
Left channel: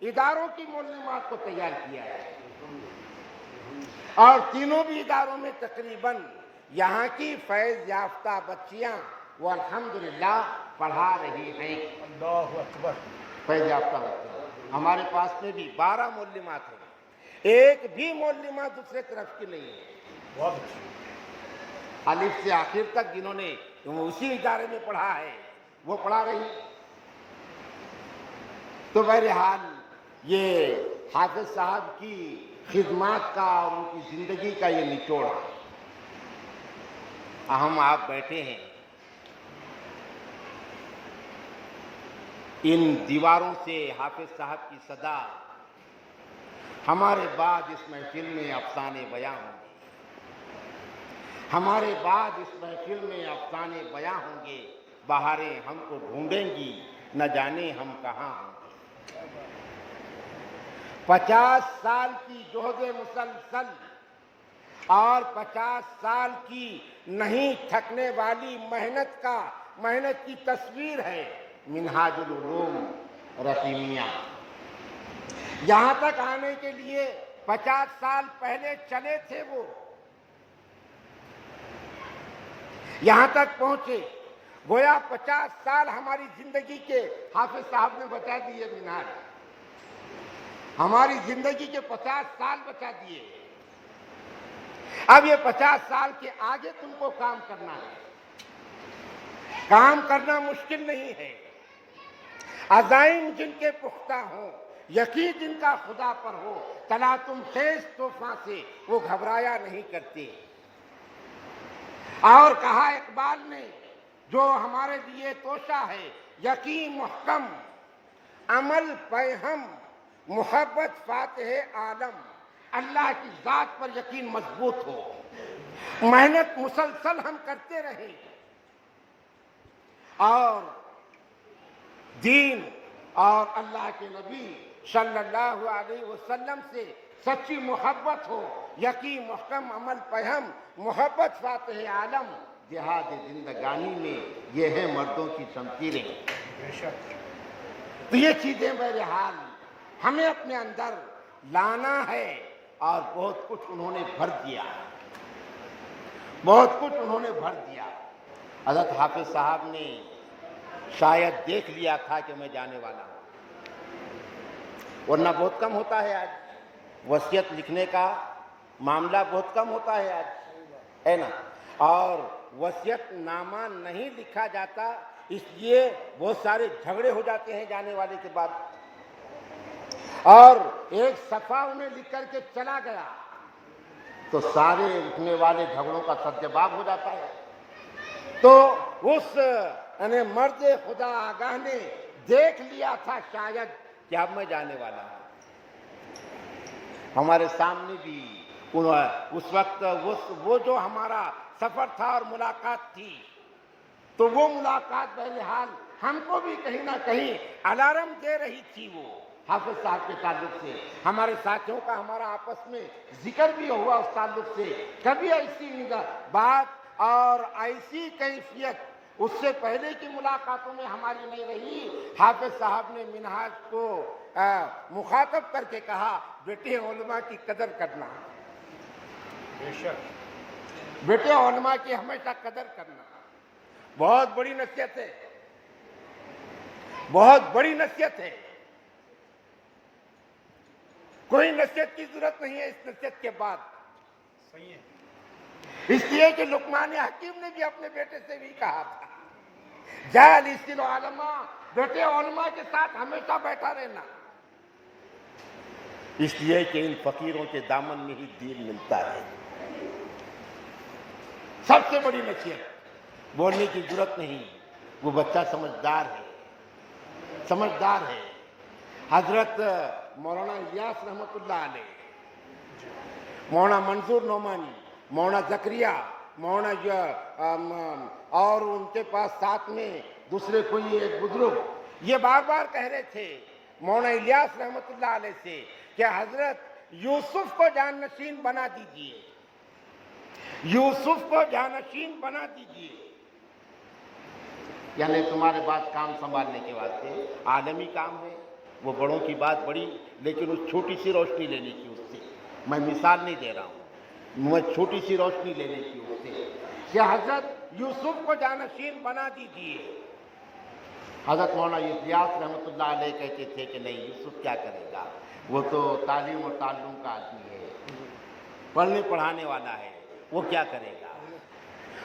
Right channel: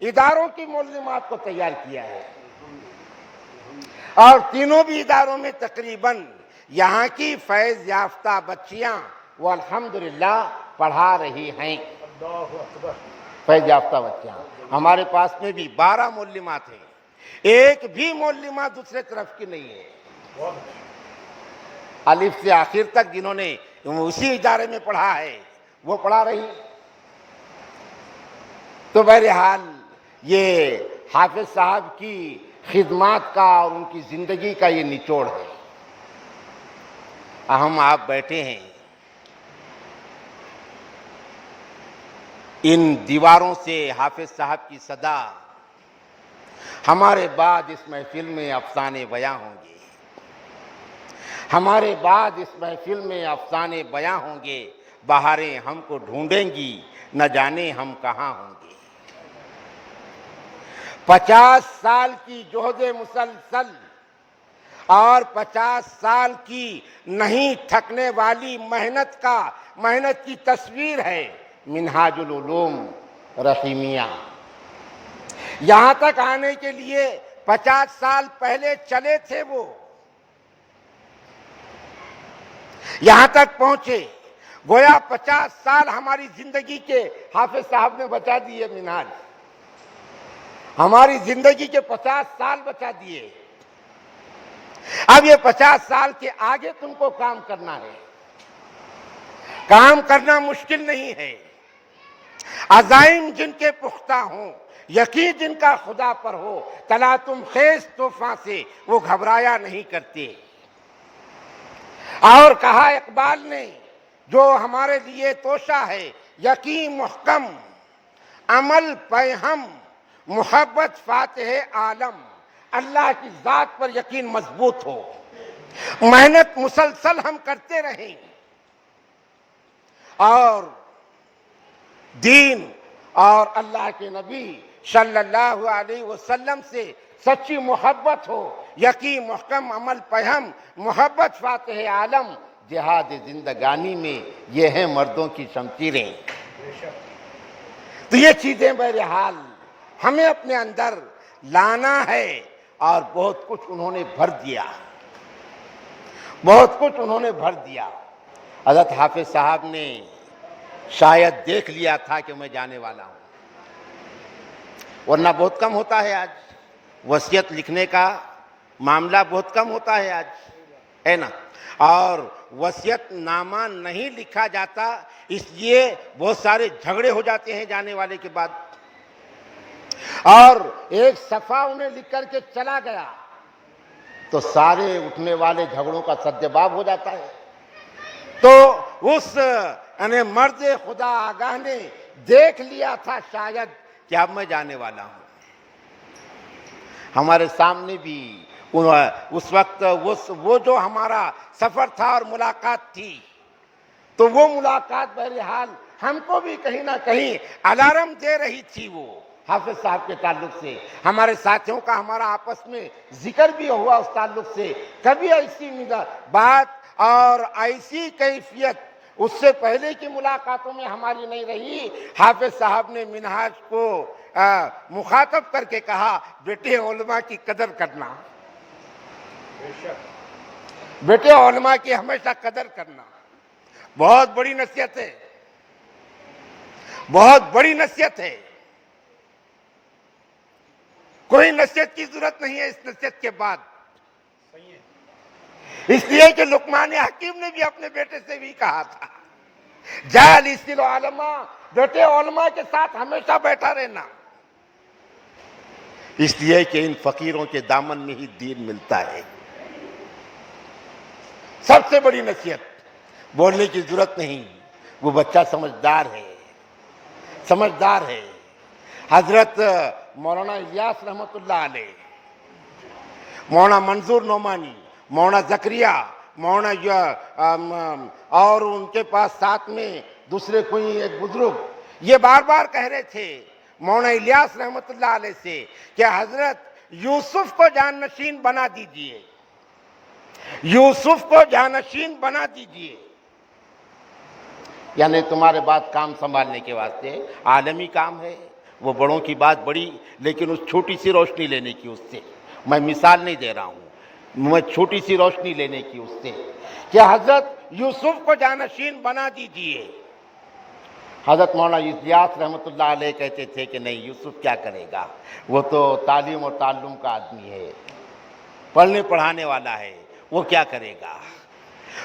اداروں کی معلومات کو تیار کیا ہے، اور تینوں بھی اداروں میں تقریباً یہاں کی فیض یافتہ بچیاں وہ الحمدللہ پڑھا رہی ہیں۔ اللہ اکبر۔ فیض یافتہ بچیاں ہمارے پاس میں بھی 12 معلمات ہیں، ایک بھی معلمہ دوسرے طرف کی نہیں ہے، بہت اچھا۔ الف سے آخر تک جنہوں نے اسی ادارے میں پڑھا ہے وہ پڑھا رہی۔ تو بہرحال یہ حافظ صاحب کی خدمات کا اور ان کی زندگی کا یہ نچوڑ ہے۔ ہم آپ بیٹھے ہیں، ان دیواروں سے حافظ صاحب کی صدا ہمارے بعد اس محفل میں افسانے بیاں ہوں گے، ہمارے بعد اس محفل میں افسانے بیاں ہوں گے، بہاریں ہم کو ڈھونڈیں گی، نہ جانے ہم کہاں ہوں گے۔ 50 سال کی جہد مسلسل اور 50 سال کی نہیں تھکنے والی محنت کی تصویر ہے منہاج العلوم رحیمیہ۔ یہاں تک آنے کے لیے 50 سال پہلے چلے تھے، وہ یہاں تک پہنچے، گویا 50 سال ہماری زندگی کے حافظ صاحب نے بچا دیے، منہاج ہماری زندگی کے 50 سال بچا دیے۔ اب یہ 50 سال کے آگے تم کو کام کرنا ہے، کام کرنا مشکل نہیں ہے، عزائم جن کے پختہ ہوں، یقین جن کا خدا پر ہو، تلاطم خیز طوفان سے وہ گھبرایا نہیں کرتے۔ اور کہا اقبال نے، جو ہمارے لیے توشہ ہے یقین محکم، عمل پیہم محبت فاتح عالم، اللہ کی ذات پر یقین مضبوط ہو، محنت مسلسل ہم کرتے رہیں، اور دین اور اللہ کے نبی صلی اللہ علیہ وسلم سے سچی محبت ہو، یقین محکم عمل پیہم محبت فاتح عالم، جہاد زندگانی میں یہ ہیں مردوں کی شمشیریں۔ تو یہ چیزیں بہرحال ہمیں اپنے اندر لانا ہے، اور بہت کچھ انہوں نے بھر دیا، بہت کچھ انہوں نے بھر دیا۔ حضرت حافظ صاحب نے شاید دیکھ لیا تھا کہ میں جانے والا ہوں، ورنہ بہت کم ہوتا ہے آج، وصیت لکھنے کا معاملہ بہت کم ہوتا ہے آج، ہے نا، اور وصیت نامہ نہیں لکھا جاتا، اس لیے بہت سارے جھگڑے ہو جاتے ہیں جانے والے کے بعد، اور ایک صفحہ انہیں لکھ کر کے چلا گیا تو سارے اٹھنے والے جھگڑوں کا سدجواب ہو جاتا ہے۔ تو اس مرد خدا آگاہ نے دیکھ لیا تھا شاید کہ اب میں جانے والا ہوں۔ ہمارے سامنے بھی اس وقت وہ جو ہمارا سفر تھا اور ملاقات تھی، تو وہ ملاقات بہرحال ہم کو بھی کہیں نہ کہیں الارم دے رہی تھی، وہ حافظ صاحب کے تعلق سے ہمارے ساتھیوں کا ہمارا آپس میں ذکر بھی ہوا اس تعلق سے، کبھی ایسی بات اور ایسی کیفیت اس سے پہلے کی ملاقاتوں میں ہماری نہیں رہی۔ حافظ صاحب نے منہاج کو مخاطب کر کے کہا، بیٹے علماء کی قدر کرنا، بیٹے علماء کی ہمیشہ قدر کرنا، بہت بڑی نصیحت ہے، بہت بڑی نصیحت ہے، کوئی نصیحت کی ضرورت نہیں ہے اس نصیحت کے بعد۔ صحیح ہے۔ اس لیے کہ لقمان حکیم نے بھی اپنے بیٹے سے بھی کہا تھا، جالس العلماء، بیٹے علماء کے ساتھ ہمیشہ بیٹھا رہنا، اس لیے کہ ان فقیروں کے دامن میں ہی دین ملتا ہے۔ سب سے بڑی نصیحت، بولنے کی ضرورت نہیں، وہ بچہ سمجھدار ہے، سمجھدار ہے۔ حضرت مولانا الیاس رحمۃ اللہ علیہ، مولانا منظور نعمانی، مولانا زکریا، مولانا اور ان کے پاس ساتھ میں دوسرے کوئی ایک بزرگ یہ بار بار کہہ رہے تھے مولانا الیاس رحمت اللہ علیہ سے کہ حضرت یوسف کو جانشین بنا دیجئے، یوسف کو جانشین بنا دیجئے، یعنی تمہارے بعد کام سنبھالنے کے واسطے عالمی کام ہے، وہ بڑوں کی بات بڑی، لیکن اس چھوٹی سی روشنی لینے کی اس سے، میں مثال نہیں دے رہا ہوں، میں چھوٹی سی روشنی لینے کی اس سے کہ حضرت یوسف کو جانشین بنا دیجئے۔ حضرت مولانا الیاس رحمت اللہ علیہ کہتے تھے کہ نہیں، یوسف کیا کرے گا، وہ تو تعلیم اور تعلم کا آدمی ہے، پڑھنے پڑھانے والا ہے، وہ کیا کرے گا۔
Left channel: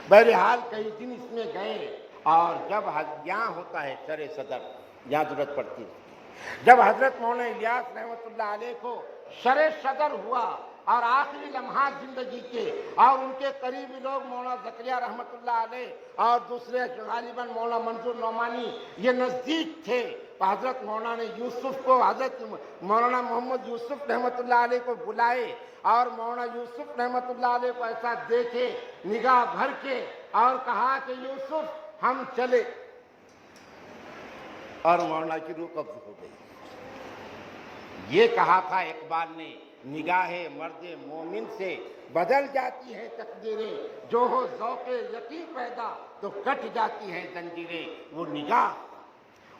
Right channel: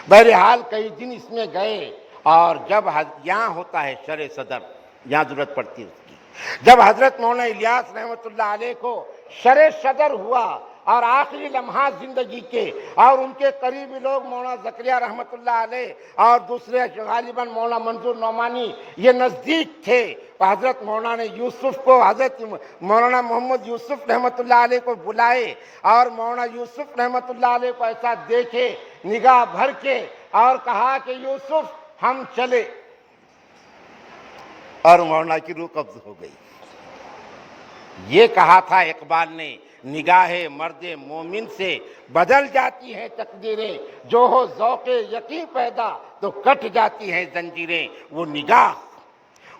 بہرحال کئی دن اس میں گئے، اور جب یہاں ہوتا ہے شرع صدر، یہاں ضرورت پڑتی ہے اس کی، جب حضرت مولانا الیاس رحمت اللہ علیہ کو شرع صدر ہوا اور آخری لمحات زندگی کے، اور ان کے قریبی لوگ مولانا زکریا رحمت اللہ علیہ اور دوسرے غالباً مولانا منظور نعمانی یہ نزدیک تھے، تو حضرت مولانا یوسف کو، حضرت مولانا محمد یوسف رحمت اللہ علیہ کو بلائے، اور مولانا یوسف رحمت اللہ علیہ کو ایسا دیکھے نگاہ بھر کے، اور کہا کہ یوسف ہم چلے، اور مولانا کی روح قبض ہو گئی۔ یہ کہا تھا اقبال نے، نگاہ مرد مومن سے بدل جاتی ہیں تقدیریں، جو ہو ذوق یقین پیدا تو کٹ جاتی ہیں زنجیریں۔ وہ نگاہ،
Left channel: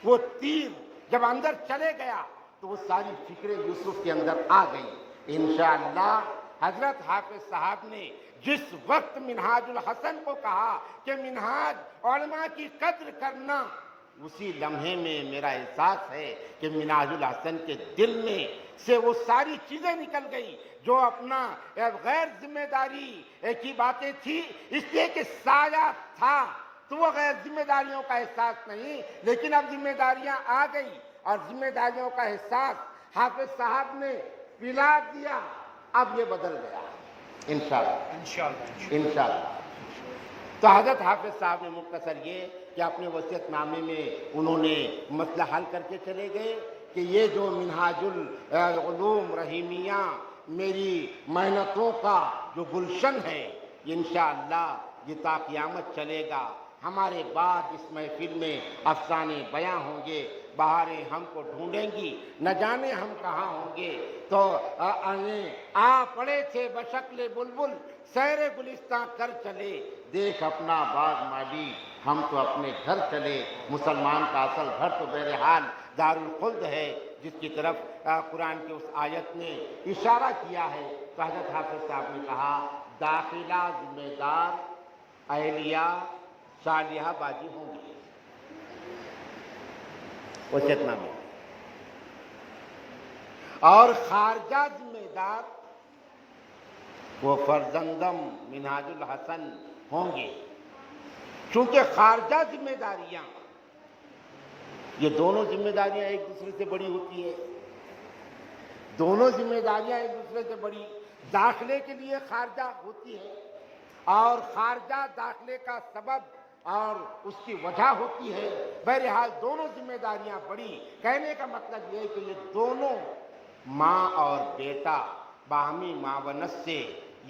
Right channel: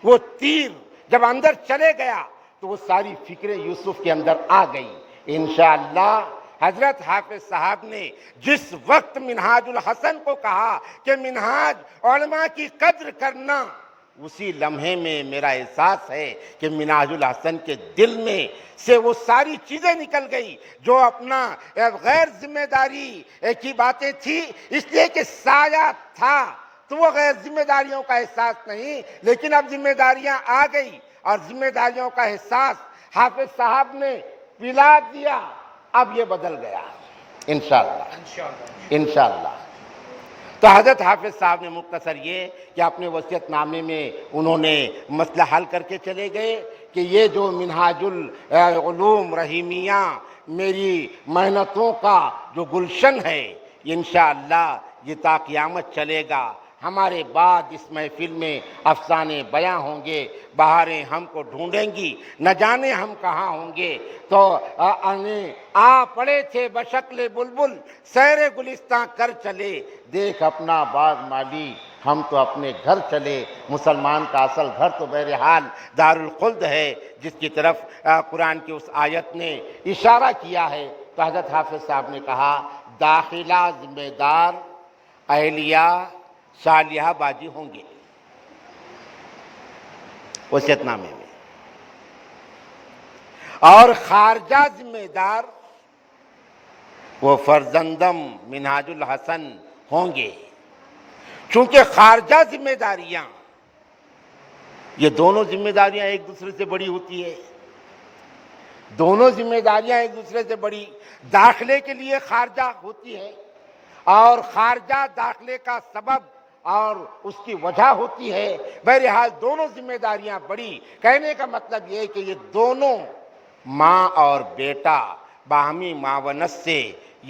وہ تیر جب اندر چلے گیا تو وہ ساری فکریں یوسف کے اندر آ گئی۔ انشاءاللہ حضرت حافظ صاحب نے جس وقت منہاج الحسن کو کہا کہ منہاج علماء کی قدر کرنا، اسی لمحے میں میرا احساس ہے کہ منہاج الحسن کے دل میں سے وہ ساری چیزیں نکل گئی جو اپنا غیر ذمہ داری کی باتیں تھی، اس لیے کہ سایہ تھا تو وہ غیر ذمہ داریوں کا احساس نہیں، لیکن اب ذمہ داریاں آ گئی، اور ذمہ داریوں کا احساس حافظ صاحب نے پلا دیا، اب یہ بدل گیا انشاءاللہ انشاءاللہ۔ تو حضرت حافظ صاحب نے مختصر یہ کہ اپنے وصیت نامے میں انہوں نے مسئلہ حل کر کے چلے گئے کہ یہ جو منہاج العلوم رحیمیہ میری محنتوں کا جو گلشن ہے، انشاءاللہ یہ تا قیامت چلے گا۔ ہمارے بعد اس محفل میں افسانے بیاں ہوں گے، بہاریں ہم کو ڈھونڈیں گی، نہ جانے ہم کہاں ہوں گے۔ تو آ پڑے تھے بشکل بلبل، سیر گلستاں کر چلے، دیکھ اپنا باغ مالی ہم تو اپنے گھر چلے۔ مسلمان کا اصل گھر تو بہرحال دارالخلد ہے، جس کی طرف قرآن کی اس آیت نے اشارہ کیا ہے۔ تو حضرت حافظ صاحب نے کہا داخلہ ذمہ دار، اہلیہ صالحہ باجی ہوں گے وصیت نامے میں، اور خارجہ ذمہ دار وہ فرزندم منہاج الحسن ہوں گے۔ چونکہ خارجہ ذمہ داریاں، یہ دونوں ذمہ داریاں ایک دوسرے سے بڑی ہوتی ہے، دونوں ذمہ داریاں ایک دوسرے سے بڑی، داخلے کے لیے خارجہ ہوتی ہے، اور خارجہ داخلے کا سبب اور اس کی وجہ ہوتی ہے۔ بہرحال دونوں ذمہ داریاں بڑی، کہنے کا مطلب یہ ہے کہ یہ دونوں ماں اور بیٹا باہمی معاونت سے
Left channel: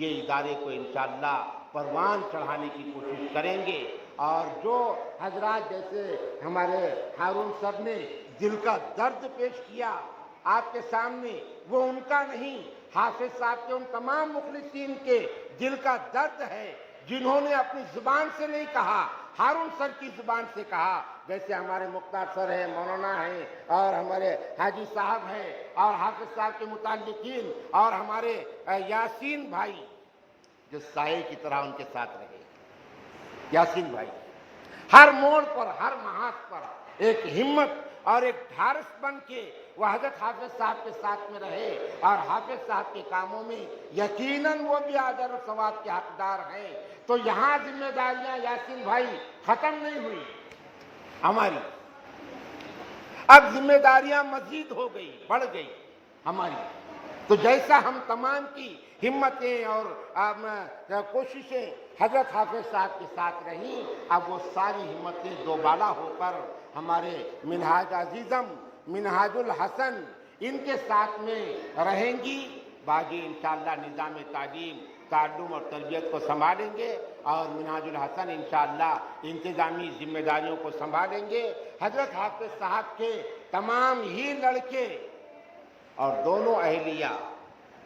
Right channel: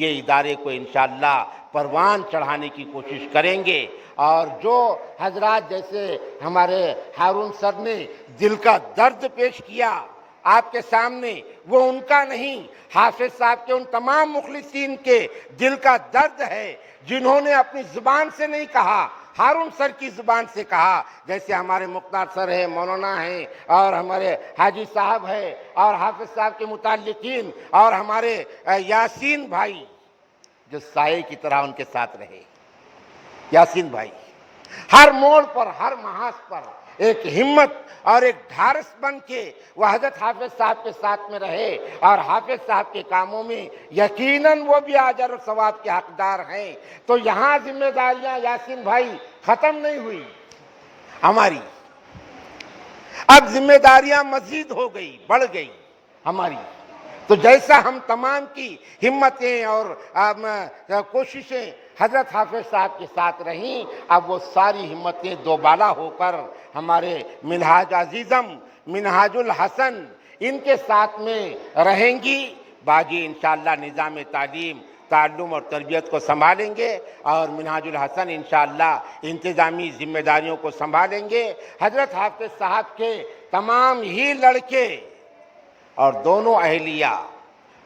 یہ ادارے کو انشاءاللہ پروان چڑھانے کی کوشش کریں گے۔ اور جو حضرات جیسے ہمارے ہارون سر نے دل کا درد پیش کیا آپ کے سامنے، وہ ان کا نہیں، حافظ صاحب کے ان تمام مخلصین کے دل کا درد ہے جنہوں نے اپنی زبان سے نہیں کہا، ہارون سر کی زبان سے کہا، جیسے ہمارے مختار سر ہے، مولانا ہیں، اور ہمارے حاجی صاحب ہے، اور حافظ صاحب کے متعلقین، اور ہمارے یاسین بھائی جو سائے کی طرح ان کے ساتھ رہے۔ یاسین بھائی ہر موڑ پر، ہر محاذ پر ایک ہمت اور ایک ڈھارس بن کے وہ حضرت حافظ صاحب کے ساتھ میں رہے، اور حافظ صاحب کے کاموں میں یقیناً وہ بھی اجر و ثواب کے حقدار ہیں۔ تو یہاں ذمہ داریاں یاسین بھائی ختم نہیں ہوئی ہماری، اب ذمہ داریاں مزید ہو گئی، بڑھ گئی ہماری۔ تو جیسا ہم تمام کی ہمتیں اور کوششیں حضرت حافظ صاحب کے ساتھ رہیں، اب وہ ساری ہمتیں دوبالا ہو کر ہمارے منہاج عزیزم، منہاج الحسن ان کے ساتھ میں رہیں گی۔ باقی انشاءاللہ نظام تعلیم تعلم اور تربیت کو سنبھالیں گے اور منہاج الحسن انشاءاللہ انتظامی ذمہ داریوں کو سنبھالیں گے۔ حضرت حافظ صاحب کے تمام ہی لڑکے اور دونوں اہلیہ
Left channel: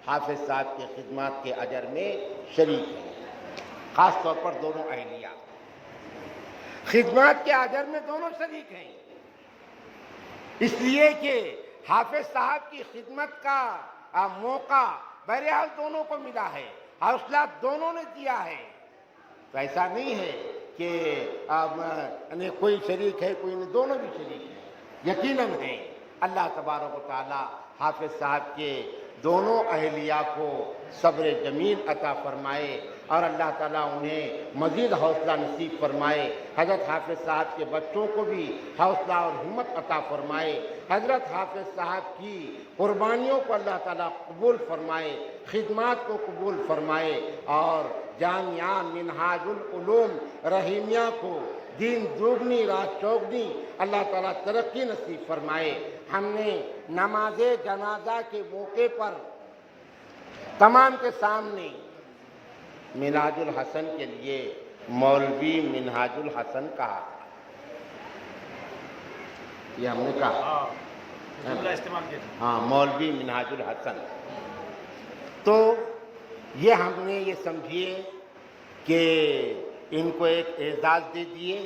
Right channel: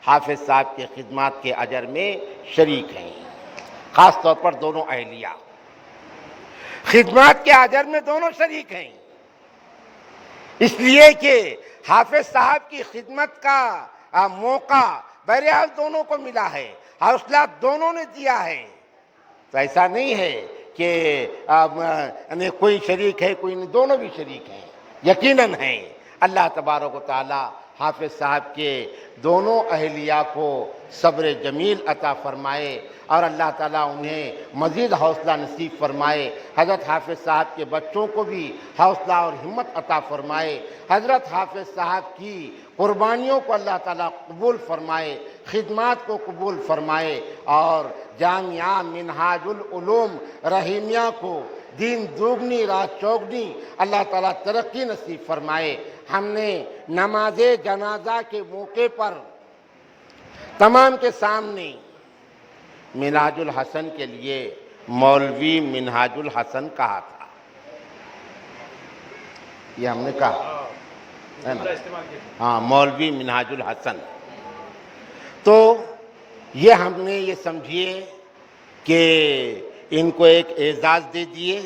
حافظ صاحب کے خدمات کے اجر میں شریک ہیں، خاص طور پر دونوں اہلیہ خدمات کے اجر میں دونوں شریک ہیں، اس لیے کہ حافظ صاحب کی خدمت کا موقع بہرحال دونوں کو ملا ہے، حوصلہ دونوں نے دیا ہے، تو ایسا نہیں ہے کہ کوئی شریک ہے کوئی نہیں، دونوں بھی شریک ہیں، یقیناً ہیں۔ اللہ تبارک و تعالی حافظ صاحب کے دونوں اہلیہ کو صبر جمیل عطا فرمائے اور اللہ تعالیٰ انہیں مزید حوصلہ نصیب فرمائے۔ حضرت حافظ صاحب کے بچوں کو بھی حوصلہ اور ہمت عطا فرمائے۔ حضرت حافظ صاحب کی قربانیوں کو اللہ تعالیٰ قبول فرمائے، خدمات کو قبول فرمائے اور جامعہ منہاج العلوم رحیمیہ کو دین دوگنی رات چوگنی اللہ تعالیٰ ترقی نصیب فرمائے۔ ہم نے نماز جنازہ کے موقع پر تمام کے سامنے منہاج الحسن کے لیے مولوی منہاج الحسن کہا تھا، یہ ہم نے کہا جملہ استعمال کیا۔ ہاں، مولوی منہاج الحسن۔ تو یہ ہم نے یہ سمجھیے کہ ان کو ایک اعزاز دے دیے،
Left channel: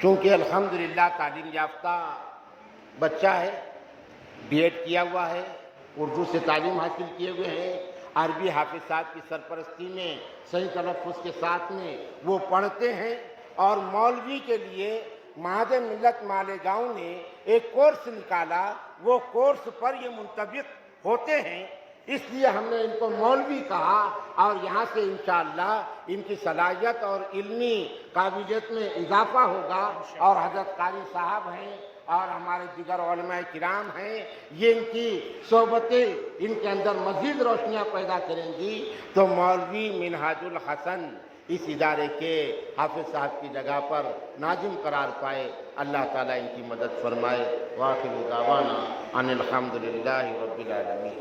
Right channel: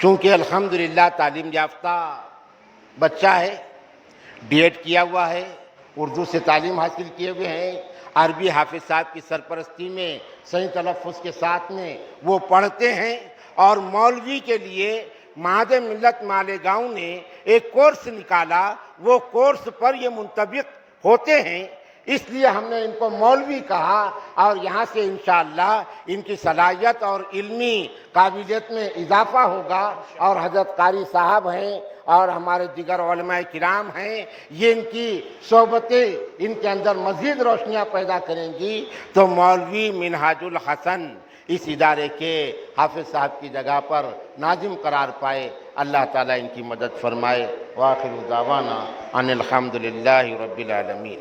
چونکہ الحمدللہ تعلیم یافتہ بچہ ہے، بی ایڈ کیا ہوا ہے، اردو سے تعلیم حاصل کیے ہوئے ہیں، عربی حافظ صاحب کی سرپرستی میں صحیح تلفظ کے ساتھ میں وہ پڑھتے ہیں، اور مولوی کے لیے معہد ملت مالیگاؤں نے ایک کورس نکالا، وہ کورس پر یہ منطبق ہوتے ہیں، اس لیے ہم نے ان کو مولوی کہا، اور یہاں سے انشاءاللہ ان کی صلاحیت اور علمی قابلیت میں اضافہ ہوگا، اور حضرت قاری صاحب ہیں اور ہمارے دیگر علماء کرام ہیں، یہ ان کی صحبتیں ان کے اندر مزید روشنیاں پیدا کریں گی، تو مولوی منہاج الحسن اس ادارے کے حافظ صاحب کی جگہ پر ناظم قرار پائے۔ اللہ تعالیٰ ان کی مدد فرمائے۔ وآخر دعوانا ان الحمدللہ رب العالمین۔